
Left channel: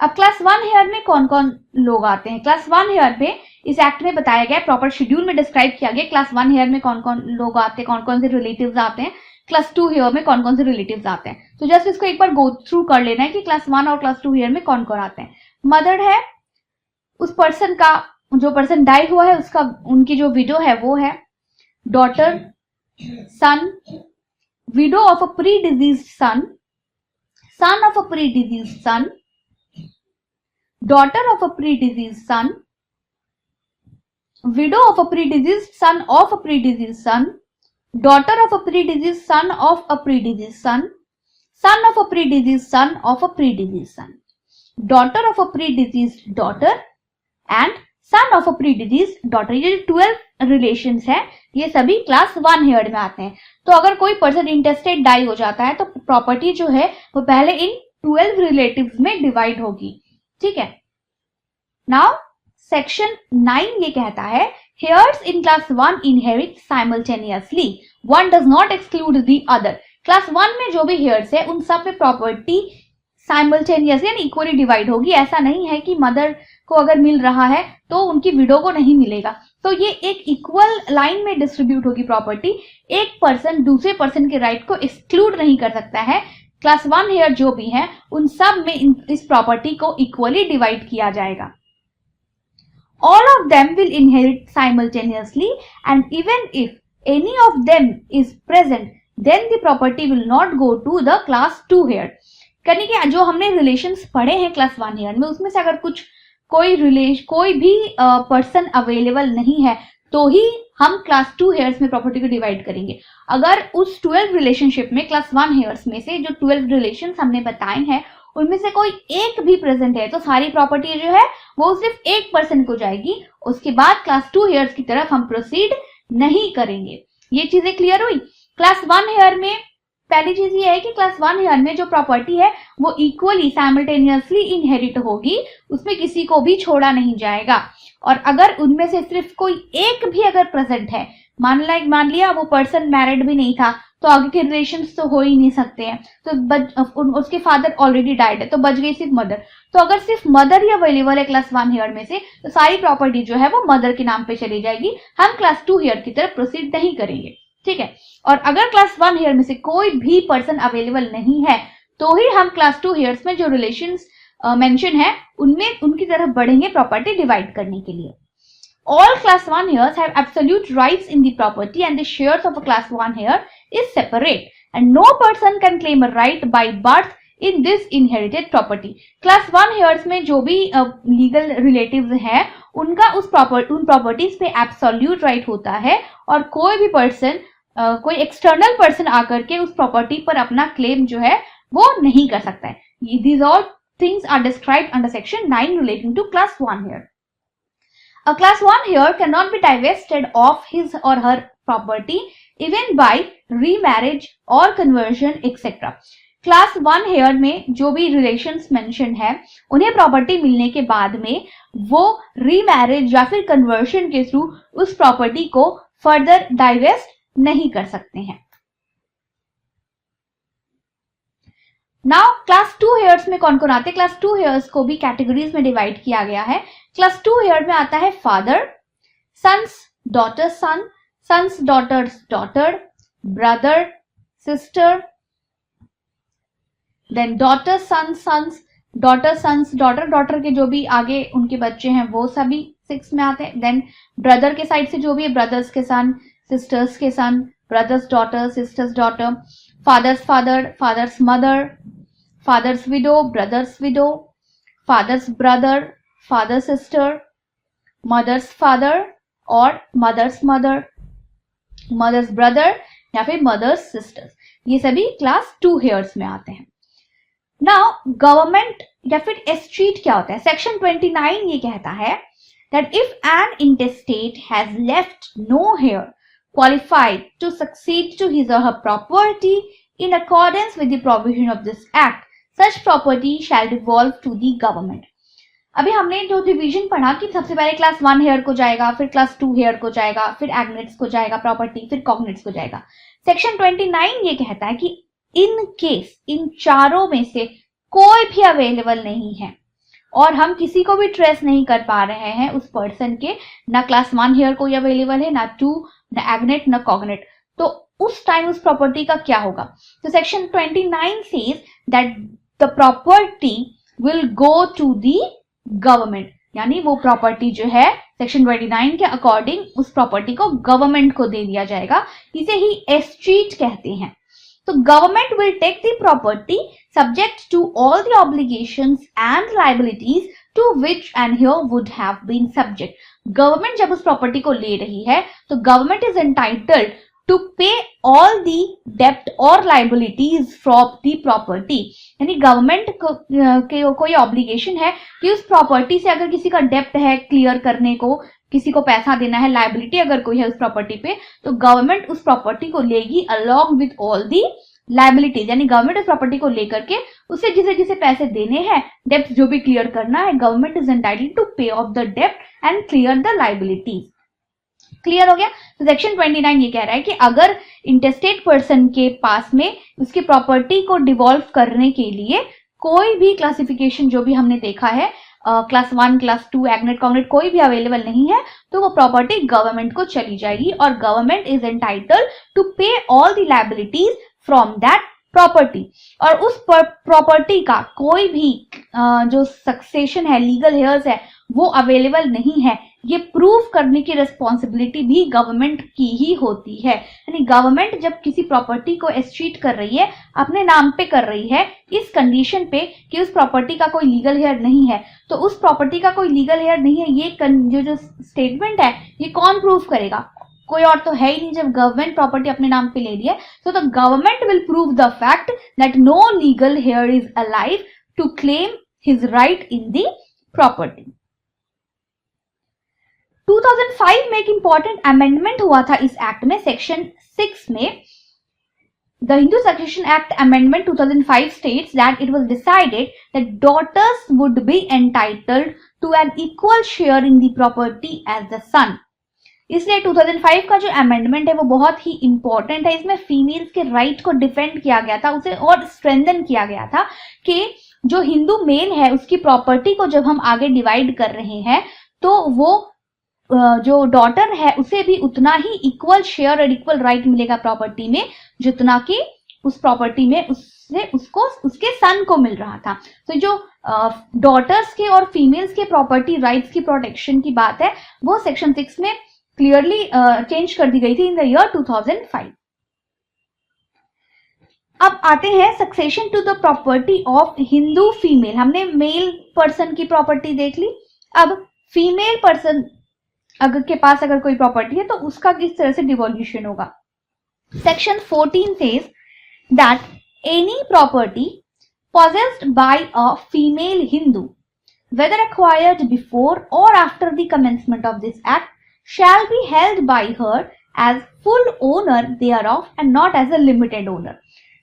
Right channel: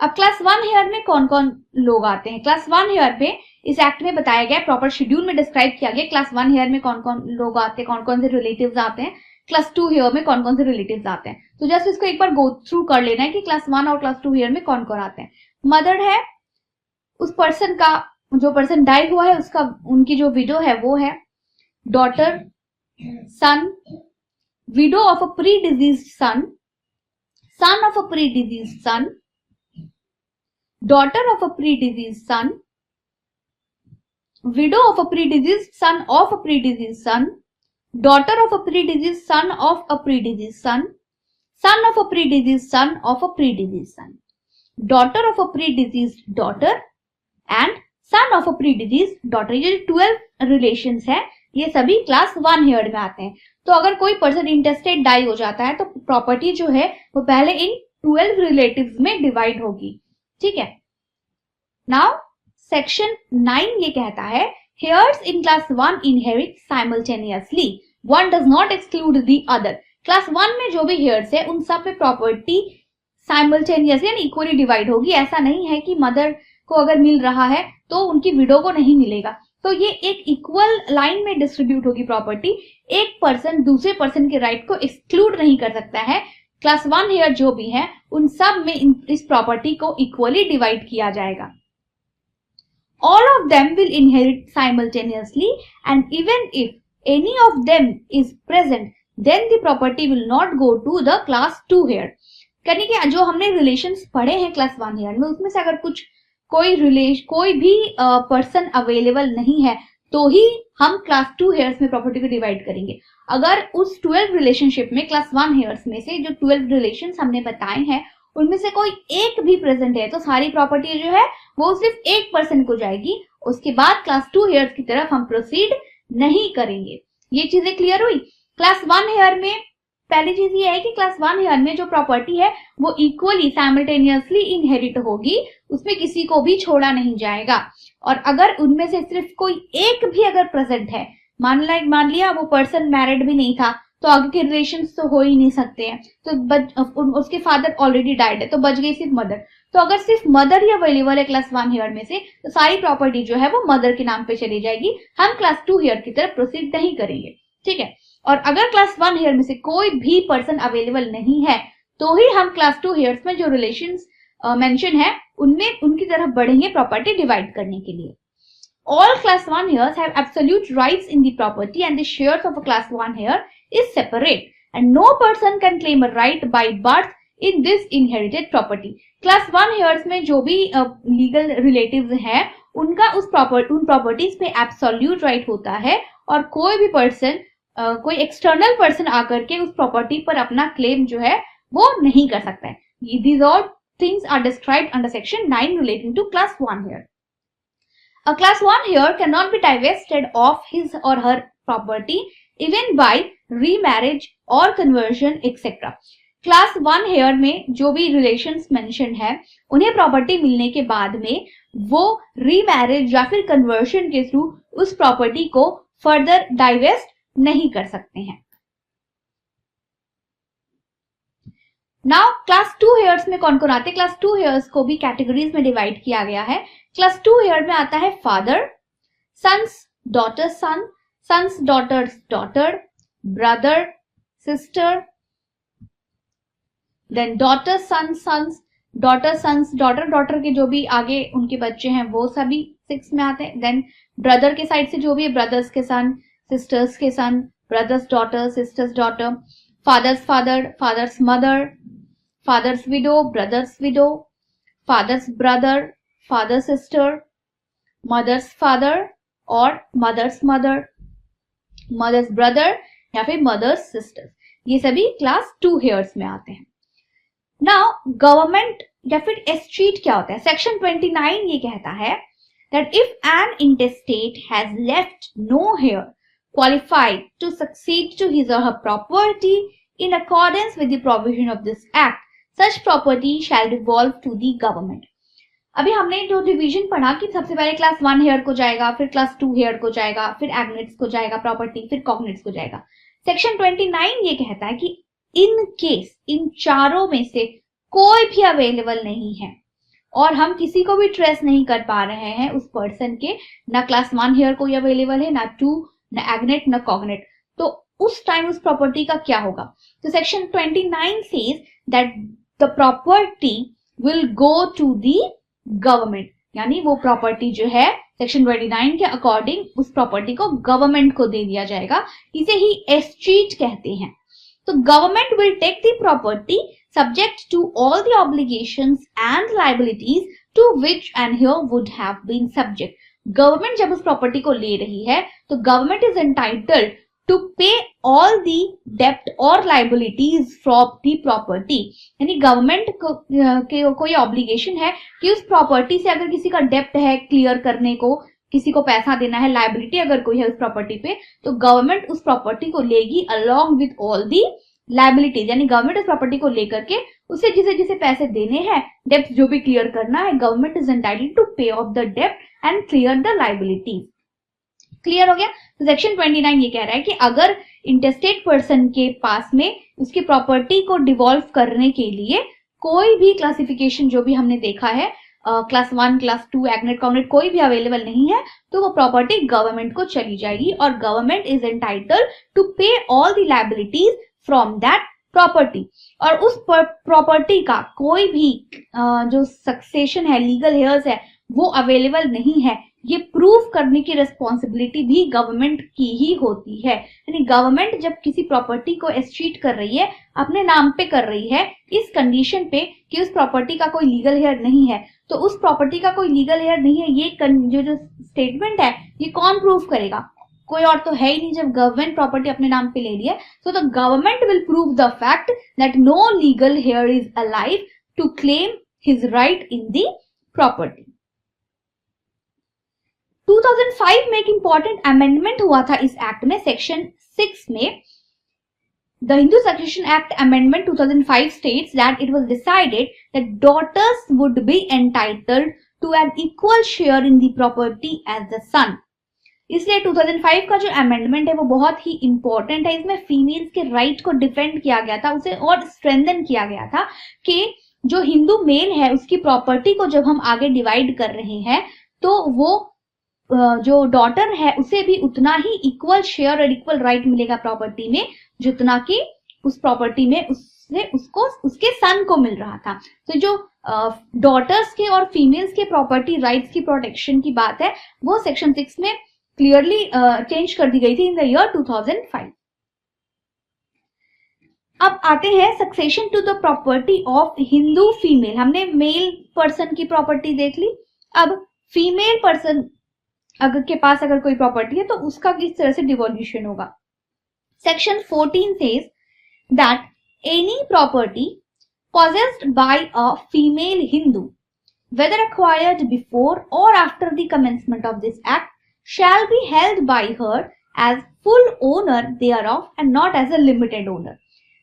अब क्लास 1 हेयर में कौन कौन लोग आते हैं? क्लास 1 हेयर में इस एक्ट में बताया गया, प्रॉपर शेड्यूल में डिस्क्राइब किया गया क्लास 1 हेयर में कौन कौन लोग आते हैं, कौन कौन से रिलेटिव्स आते हैं, क्लास 2 हेयर में कौन कौन से रिलेटिव्स आते हैं। तो जस्ट इसको एक बार गो थ्रू कर लेना है कि क्लास 1 और क्लास 2 हेयर में कौन कौन आते हैं। मदर है, उस पर्सन का जो पर्सन डाई हुआ है उसका, उनकी जो विडो है वो है daughter, son, widow of a pre deceased son, son of a pre deceased son, daughter of a pre deceased son, widow of a predeceased son of a predeceased son, daughter of a predeceased son of a predeceased son, son of a predeceased son of a predeceased son, daughter of a predeceased daughter and son of a predeceased daughter. ये जो 12 relations है ये सभी class 1 heard में आते हैं. तो अगर कोई पर्सन इंटेस्टेट डाई हो जाता है तो प्रॉपर्टी जो है वो पहले इन 12 रिलेटिव्स में डिवाइड होगी. ठीक है. नाउ सेक्शन 9 ये कहता है heirs in class 1 inherit simultaneously, one does not exclude the other. Class 1 में जो भी heirs है उन सब में प्रॉपर्टी साइमल्टेनियसली यानी इक्वली डिवाइड होगी. ऐसा नहीं है कि मदर को अगर मिल रहा है तो उनकी विडो को नहीं मिलेगा. तो ये एक इक्वल लाइन में डिस्ट्रीब्यूट होगी प्रॉपर्टी. एक पर्सन दूसरे पर्सन के राइट को एक्सक्लूड नहीं कर सकता है. क्लास 1 हेयर जो भी है उन सब में इस प्रॉपर्टी को इक्वली डिवाइड किया जाएगा. All of them will inherit simultaneously, and even if any of them is present, then the property will not go to the class 2 heir. यानी कि जो हमने रिलेशंस पढ़े हैं क्लास 1 हेयर में उसमें से अगर कोई भी पर्सन अवेलेबल नहीं है तो ही हम क्लास 2 हेयर्स में प्रॉपर्टी को डिवाइड करेंगे. अगर उस 12 रिलेशनशिप में क्लास 1 हेयर्स में से जो 12 रिलेशंस हमने बताए हैं उनमें से कोई एक भी प्रेजेंट है तो सारी प्रॉपर्टी जो है वो सिर्फ एक पर्सन को जाएगी. उसके बाद क्लास 2 हेयर्स की तरफ हम प्रोसीड नहीं करेंगे. ये चीजें क्लियर हुई. क्लास 1 हेयर में पहली चीज ये है कि क्लास 1 हेयर में जो प्रॉपर्टी है वो इक्वली साइमल्टेनियसली इनहेरिट होगी, उसमें किसी को भी छोड़ा नहीं जाएगा. और अगर उनमें से सिर्फ कोई एक भी अगर प्रेजेंट है, मान लिया वो पर्सन मैरिड भी नहीं था तो आगे के रिलेशंस तो हो ही नहीं सकते हैं. तो उसके फादर ऑलरेडी डाइड है तो बच गई सिर्फ मदर. तो अगर सिर्फ मदर ही अवेलेबल है क्लास 1 हेयर में से तो सारी प्रॉपर्टी जो है वो मदर के नाम पे चली जाएगी. हम क्लास 2 हेयर की तरफ प्रोसीड नहीं करेंगे. ठीक है. और अगर क्लास 1 हेयर में से कोई भी पर्सन अवेलेबल नहीं है तो ही हम क्लास 2 हेयर्स में जो रिलेशंस मेंशन है उनमें उनकी तरफ बढ़ेंगे प्रॉपर्टी डिवाइड करने के लिए. All class 1 heirs have absolute rights in the property and the shares of a class 1 heir is separate and no person can claim a right by birth in this inherited property. Class 1 heirs में जो भी legal relatives हैं उनका उन properties पे absolute right होता है और कोई भी पर्सन कोई एक्सटर्नल पर्सन आकर के उस प्रॉपर्टी पर अपना क्लेम जो है वो नहीं कर सकता है. These all things are described under section 9 relating to class 1 heir. A class 1 heir cannot be divested of his or her property even by remarriage or conversion etc. Class 1 heir में जो भी रिलेशंस मेंशन है उन्हें property मिलने के बाद में वो रीमैरिज या फिर कन्वर्शन के थ्रू उस प्रॉपर्टी को फर्दर डाइवेस्ट नहीं कर सकते हैं. नाउ क्लास 2 हेयर्स में कौन कौन आते हैं? क्लास 2 हेयर्स को भी कैटेगरीज में डिवाइड किया गया है. क्लास 2 हेयर में आता है father, sons daughters son, sons daughters daughter, brother sister, then daughter sons sons, daughter sons daughter, daughter के जो भी आगे उनके बच्चे हैं वो सभी 6 में आते हैं. देन ब्रदर के साइड से जो भी ब्रदर्स के सन, सिस्टर्स के son, brother's daughter, sister's daughter, father's father, father's mother, father's widow, brother's widow, father's brother, father sister, mother's father और मदर्स मदर, मदर्स ब्रदर या फिर मदर्स सिस्टर्स, ये सभी क्लास 2 हेयर्स में आते हैं. नाउ गवर्नमेंट या फिर एस्टेट क्या होता है? सेक्शन 29 ये कहता है that if an intestate has left no heir qualified to succeed to his or her property in accordance with the provision of this act, such property shall devolve to the government. अभी हमने जो division पढ़ा कि सबसे पहले class 1 hair को जाएगा, फिर क्लास 2 हेयर को जाएगा, फिर एग्नेट्स को जाएगा प्रॉपर्टी, फिर कॉग्नेट्स को जाएगा. सेक्शन 29 ये कहता है कि इन केस इन चारों में से कोई भी अवेलेबल नहीं है और हम किसी को भी ट्रेस नहीं कर पा रहे हैं उस पर्सन के, ना क्लास 1 हेयर कोई अवेलेबल है, ना 2, ना एग्नेट, ना कॉग्नेट, तो उस टाइम उस प्रॉपर्टी का क्या होगा? तो section 29 says that the property will go to the government, यानी वो प्रॉपर्टी जो है सेक्शन 29 के अकॉर्डिंग उस प्रॉपर्टी को गवर्नमेंट को दे दिया जाएगा, इसे ही एस्टीट कहते हैं। तो government will take the property subject to all the obligations and liabilities to which and here would have been subject. Government जब उस प्रॉपर्टी को ले रही है तो गवर्नमेंट इज एंटाइटल्ड टू पे ऑल दी डेप्ट और लाइबिलिटीज फ्रॉम दी प्रॉपर्टी। यानी गवर्नमेंट को कोई ऑब्लिगेशन है कि उस प्रॉपर्टी से अगर किसी का डेप्ट है क्लियर करने को, किसी को पैसा देना है, लाइबिलिटी अगर कोई है उस प्रॉपर्टी पे, तो गवर्नमेंट उस प्रॉपर्टी को लेगी along with all the liabilities. यानी गवर्नमेंट इस प्रॉपर्टी को लेकर के उसे जिसे जिसे पैसे देने हैं, डेप्ट जो भी क्लियर करना है, government is entitled to pay off the डेप्ट and clear the liabilities. Clear हो गया? तो सेक्शन 29 ये कह रहा है कि अगर इंटेस्टेट पर्सन के पास में उसकी प्रॉपर्टी को डिवॉल्व करने के लिए कोई भी क्लासिफिकेशन जो भी हमने देखा है, क्लास 1, क्लास 2, एग्नेट कॉग्नेट कोई भी अवेलेबल नहीं है, तो वो प्रॉपर्टी गवर्नमेंट को चली जाएगी और गवर्नमेंट इज एंटाइटल्ड टू पे all the liabilities from that property. और उस प्रॉपर्टी का कोई भी जो सक्सेशन है, लीगल हेयर्स है, वो अवेलेबल नहीं है, ये प्रूव करने की रिस्पॉन्सिबिलिटी भी गवर्नमेंट की ही होती है। यानी गवर्नमेंट जब किसी प्रॉपर्टी को एस्टीट कर रही है, अपने नाम पे कर रही है, इस कंडीशन पे कि उस प्रॉपर्टी का कोई लीगल हेयर नहीं है, तो उस प्रॉपर्टी का कोई लीगल हेयर नहीं है, ये जो स्टेटमेंट है ये कौन प्रूव करेगा? कोई और तो है ही नहीं। जब गवर्नमेंट प्रॉपर्टी अपने नाम पे ले रही है तो the government will prove the fact that no legal heir is alive to claim his right in the property. 2005 में एक इंपॉर्टेंट अमेंडमेंट हुआ था इस एक्ट में, सेक्शन 6 में। The Hindu Succession Act Amendment 2005 states that it was decided that daughters would be entitled to an equal share in the property as the son. इसलिए 2005 का जो अमेंडमेंट है वो बहुत ही इंपॉर्टेंट है। इसमें फीमेल्स के राइट को डिफेंड किया गया था, उसे और स्ट्रेंथन किया गया था कि जो हिंदू मेल है उसकी प्रॉपर्टी को जब हम आगे डिवाइड कर रहे हैं तो वो जो डॉटर है उसे भी उतना ही इक्वल शेयर और इक्वल राइट मिलेगा प्रॉपर्टी में जितना कि उस प्रॉपर्टी में उसको उसके सन को मिल रहा था। तो जो डॉटर्स के और फीमेल्स के प्रॉपर्टी राइट्स की प्रोटेक्शन की बात है वो सेक्शन 6 में क्लियरली चेंज कर दी गई थी इन द ईयर 2005। अब आते हैं succession to the property of Hindu female. हमने मेल पर्सन की प्रॉपर्टी देख ली, अब फीमेल पर्सन के पास अगर कोई प्रॉपर्टी है तो उसका किस तरह से डिवोल्यूशन होगा। Section 14 says that any property possessed by a female Hindu, whether acquired before or after the commencement of this act, shall be held by her as full owner thereof and not as a limited owner.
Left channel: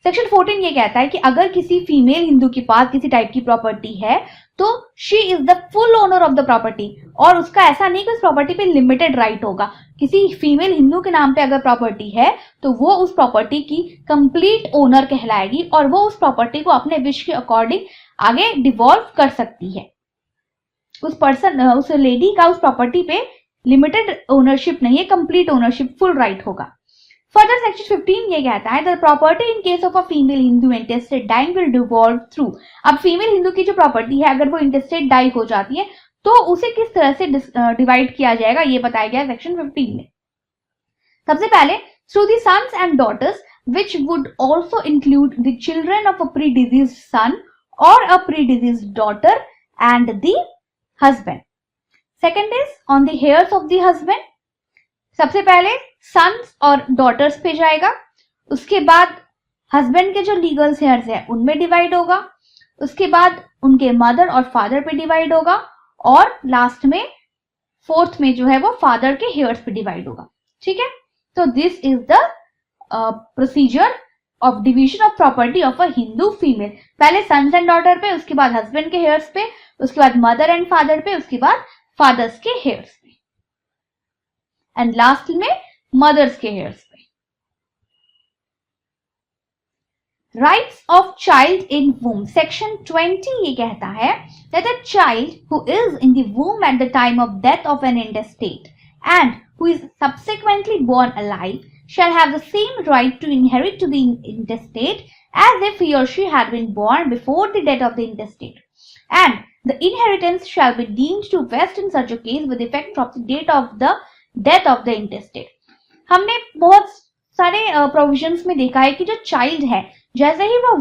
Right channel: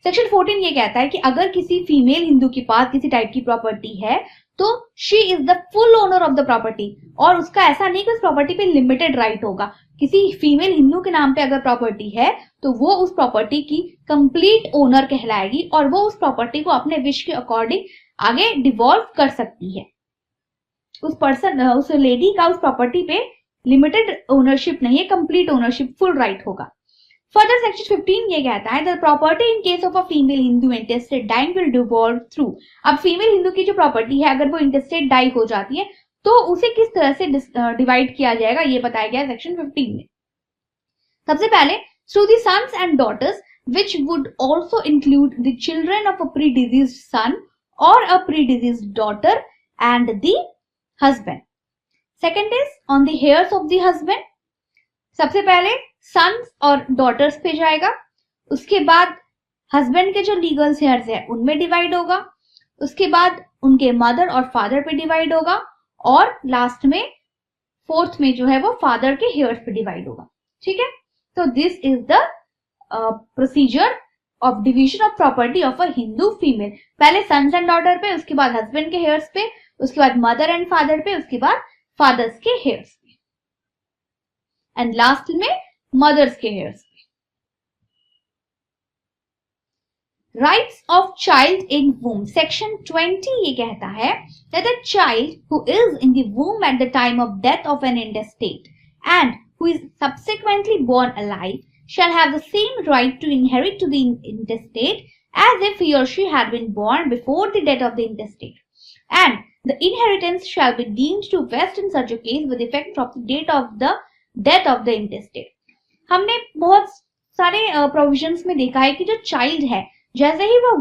Section 14 ये कहता है कि अगर किसी female Hindu के पास किसी type की property है तो she is the full owner of the property, और उसका ऐसा नहीं कि उस प्रॉपर्टी पे लिमिटेड राइट होगा। किसी फीमेल हिंदू के नाम पे अगर प्रॉपर्टी है तो वो उस प्रॉपर्टी की कंप्लीट ओनर कहलाएगी और वो उस प्रॉपर्टी को अपने विश के अकॉर्डिंग आगे डिवॉल्व कर सकती है। उस लेडी का उस प्रॉपर्टी पे लिमिटेड ओनरशिप नहीं है, कंप्लीट ओनरशिप, फुल राइट होगा। फर्दर सेक्शन 15 ये कहता है the property in case of a female Hindu intestate dying will devolve through. अब फीमेल हिंदू की जो प्रॉपर्टी है अगर वो इंटेस्टेड डाई हो जाती है तो उसे किस तरह से डिवाइड किया जाएगा ये बताया गया सेक्शन 15 में। सबसे पहले through the sons and daughters which would also include the children of a predeceased son और a predeceased daughter and the husband. Second is on the heirs of the husband. सबसे पहले sons और daughters पे जाएगा, उसके बाद husband के जो लीगल हेयर्स है उनमें डिवाइड होगा, उसके बाद उनके मदर और फादर पे डिवाइड होगा और लास्ट में फोर्थ में जो है वो फादर के हेयर्स पे डिवाइड होगा। ठीक है, तो this is the procedure of division of property of a Hindu female. पहले सन्स एंड डॉटर पे, उसके बाद हस्बैंड के हेयर्स पे, उसके बाद मदर एंड फादर पे, उसके बाद फादर्स के हेयर्स पे एंड लास्ट में मदर्स के हेयर्स पे। Rights of child in womb section 20 ये कहता है that a child who is in the womb at the time of death of an intestate and who is subsequently born alive shall have the same right to inherit to the intestate as if he or she had been born before the death of the intestate, and The inheritance shall be deemed to vest in such a case with effect from the date of the death of the intestate. हमने बहुत सारे provisions में देखा है कि जो child है जैसे ही वो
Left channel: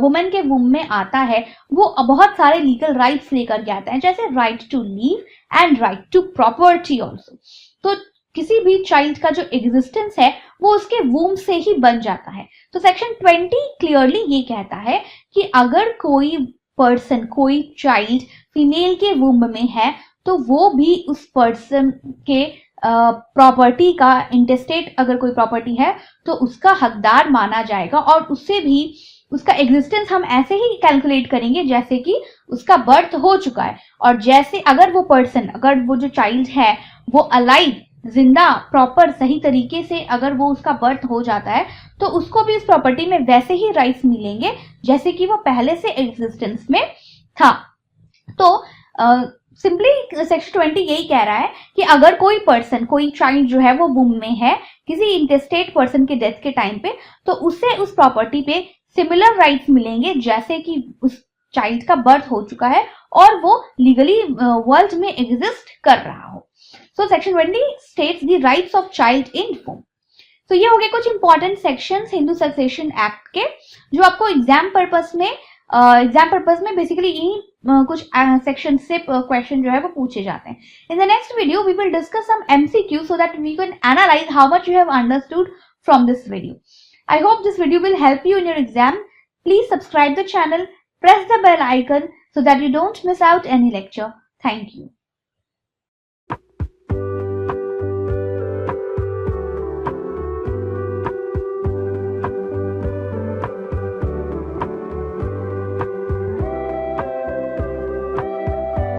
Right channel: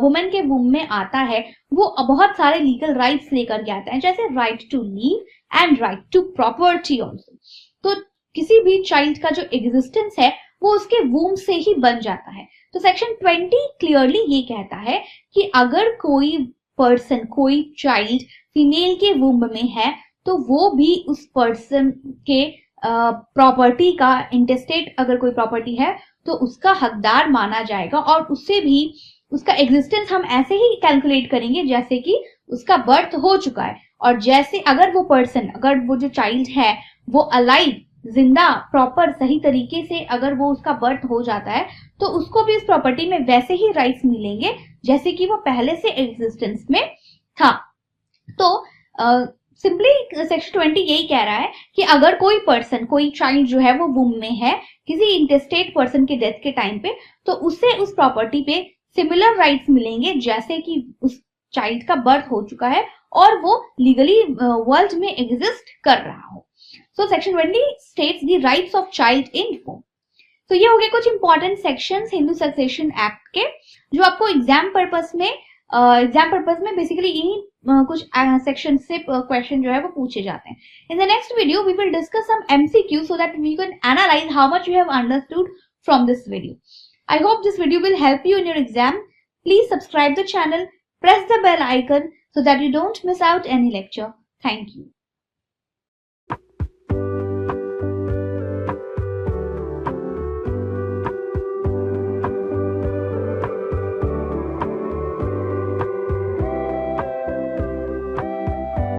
वुमेन के वूम में आता है वो बहुत सारे लीगल राइट्स लेकर के आता है, जैसे right to live and right to property also. तो किसी भी चाइल्ड का जो एग्जिस्टेंस है वो उसके वूम से ही बन जाता है। तो सेक्शन 20 क्लियरली ये कहता है कि अगर कोई पर्सन, कोई चाइल्ड फीमेल के वूम में है तो वो भी उस पर्सन के प्रॉपर्टी का, इंटेस्टेट अगर कोई प्रॉपर्टी है तो उसका हकदार माना जाएगा, और उससे भी उसका एग्जिस्टेंस हम ऐसे ही कैलकुलेट करेंगे जैसे कि उसका बर्थ हो चुका है। और जैसे अगर वो पर्सन, अगर वो जो चाइल्ड है वो अलाइव, जिंदा, प्रॉपर, सही तरीके से अगर वो उसका बर्थ हो जाता है तो उसको भी इस प्रॉपर्टी में वैसे ही राइट्स मिलेंगे जैसे कि वो पहले से एग्जिस्टेंस में था। तो सिंपली सेक्शन 20 यही कह रहा है कि अगर कोई पर्सन, कोई चाइल्ड जो है वो वूम में है किसी इंटेस्टेट पर्सन के डेथ के टाइम पे, तो उसे उस प्रॉपर्टी पे सिमिलर राइट्स मिलेंगे जैसे कि उस चाइल्ड का बर्थ हो चुका है और वो लीगली वर्ल्ड में एग्जिस्ट कर रहा हो। So section 20 states the rights of child in womb. तो ये हो गए कुछ important sections Hindu succession act के जो आपको एग्जाम पर्पस में बेसिकली यही कुछ सेक्शन से क्वेश्चन जो है वो पूछे जाते हैं। In the next video we will discuss some MCQ so that we can analyse how much you have understood from this video. I hope this video will help you in your exam. Please subscribe the channel, press the bell icon so that you don't miss out any lecture. Thank you.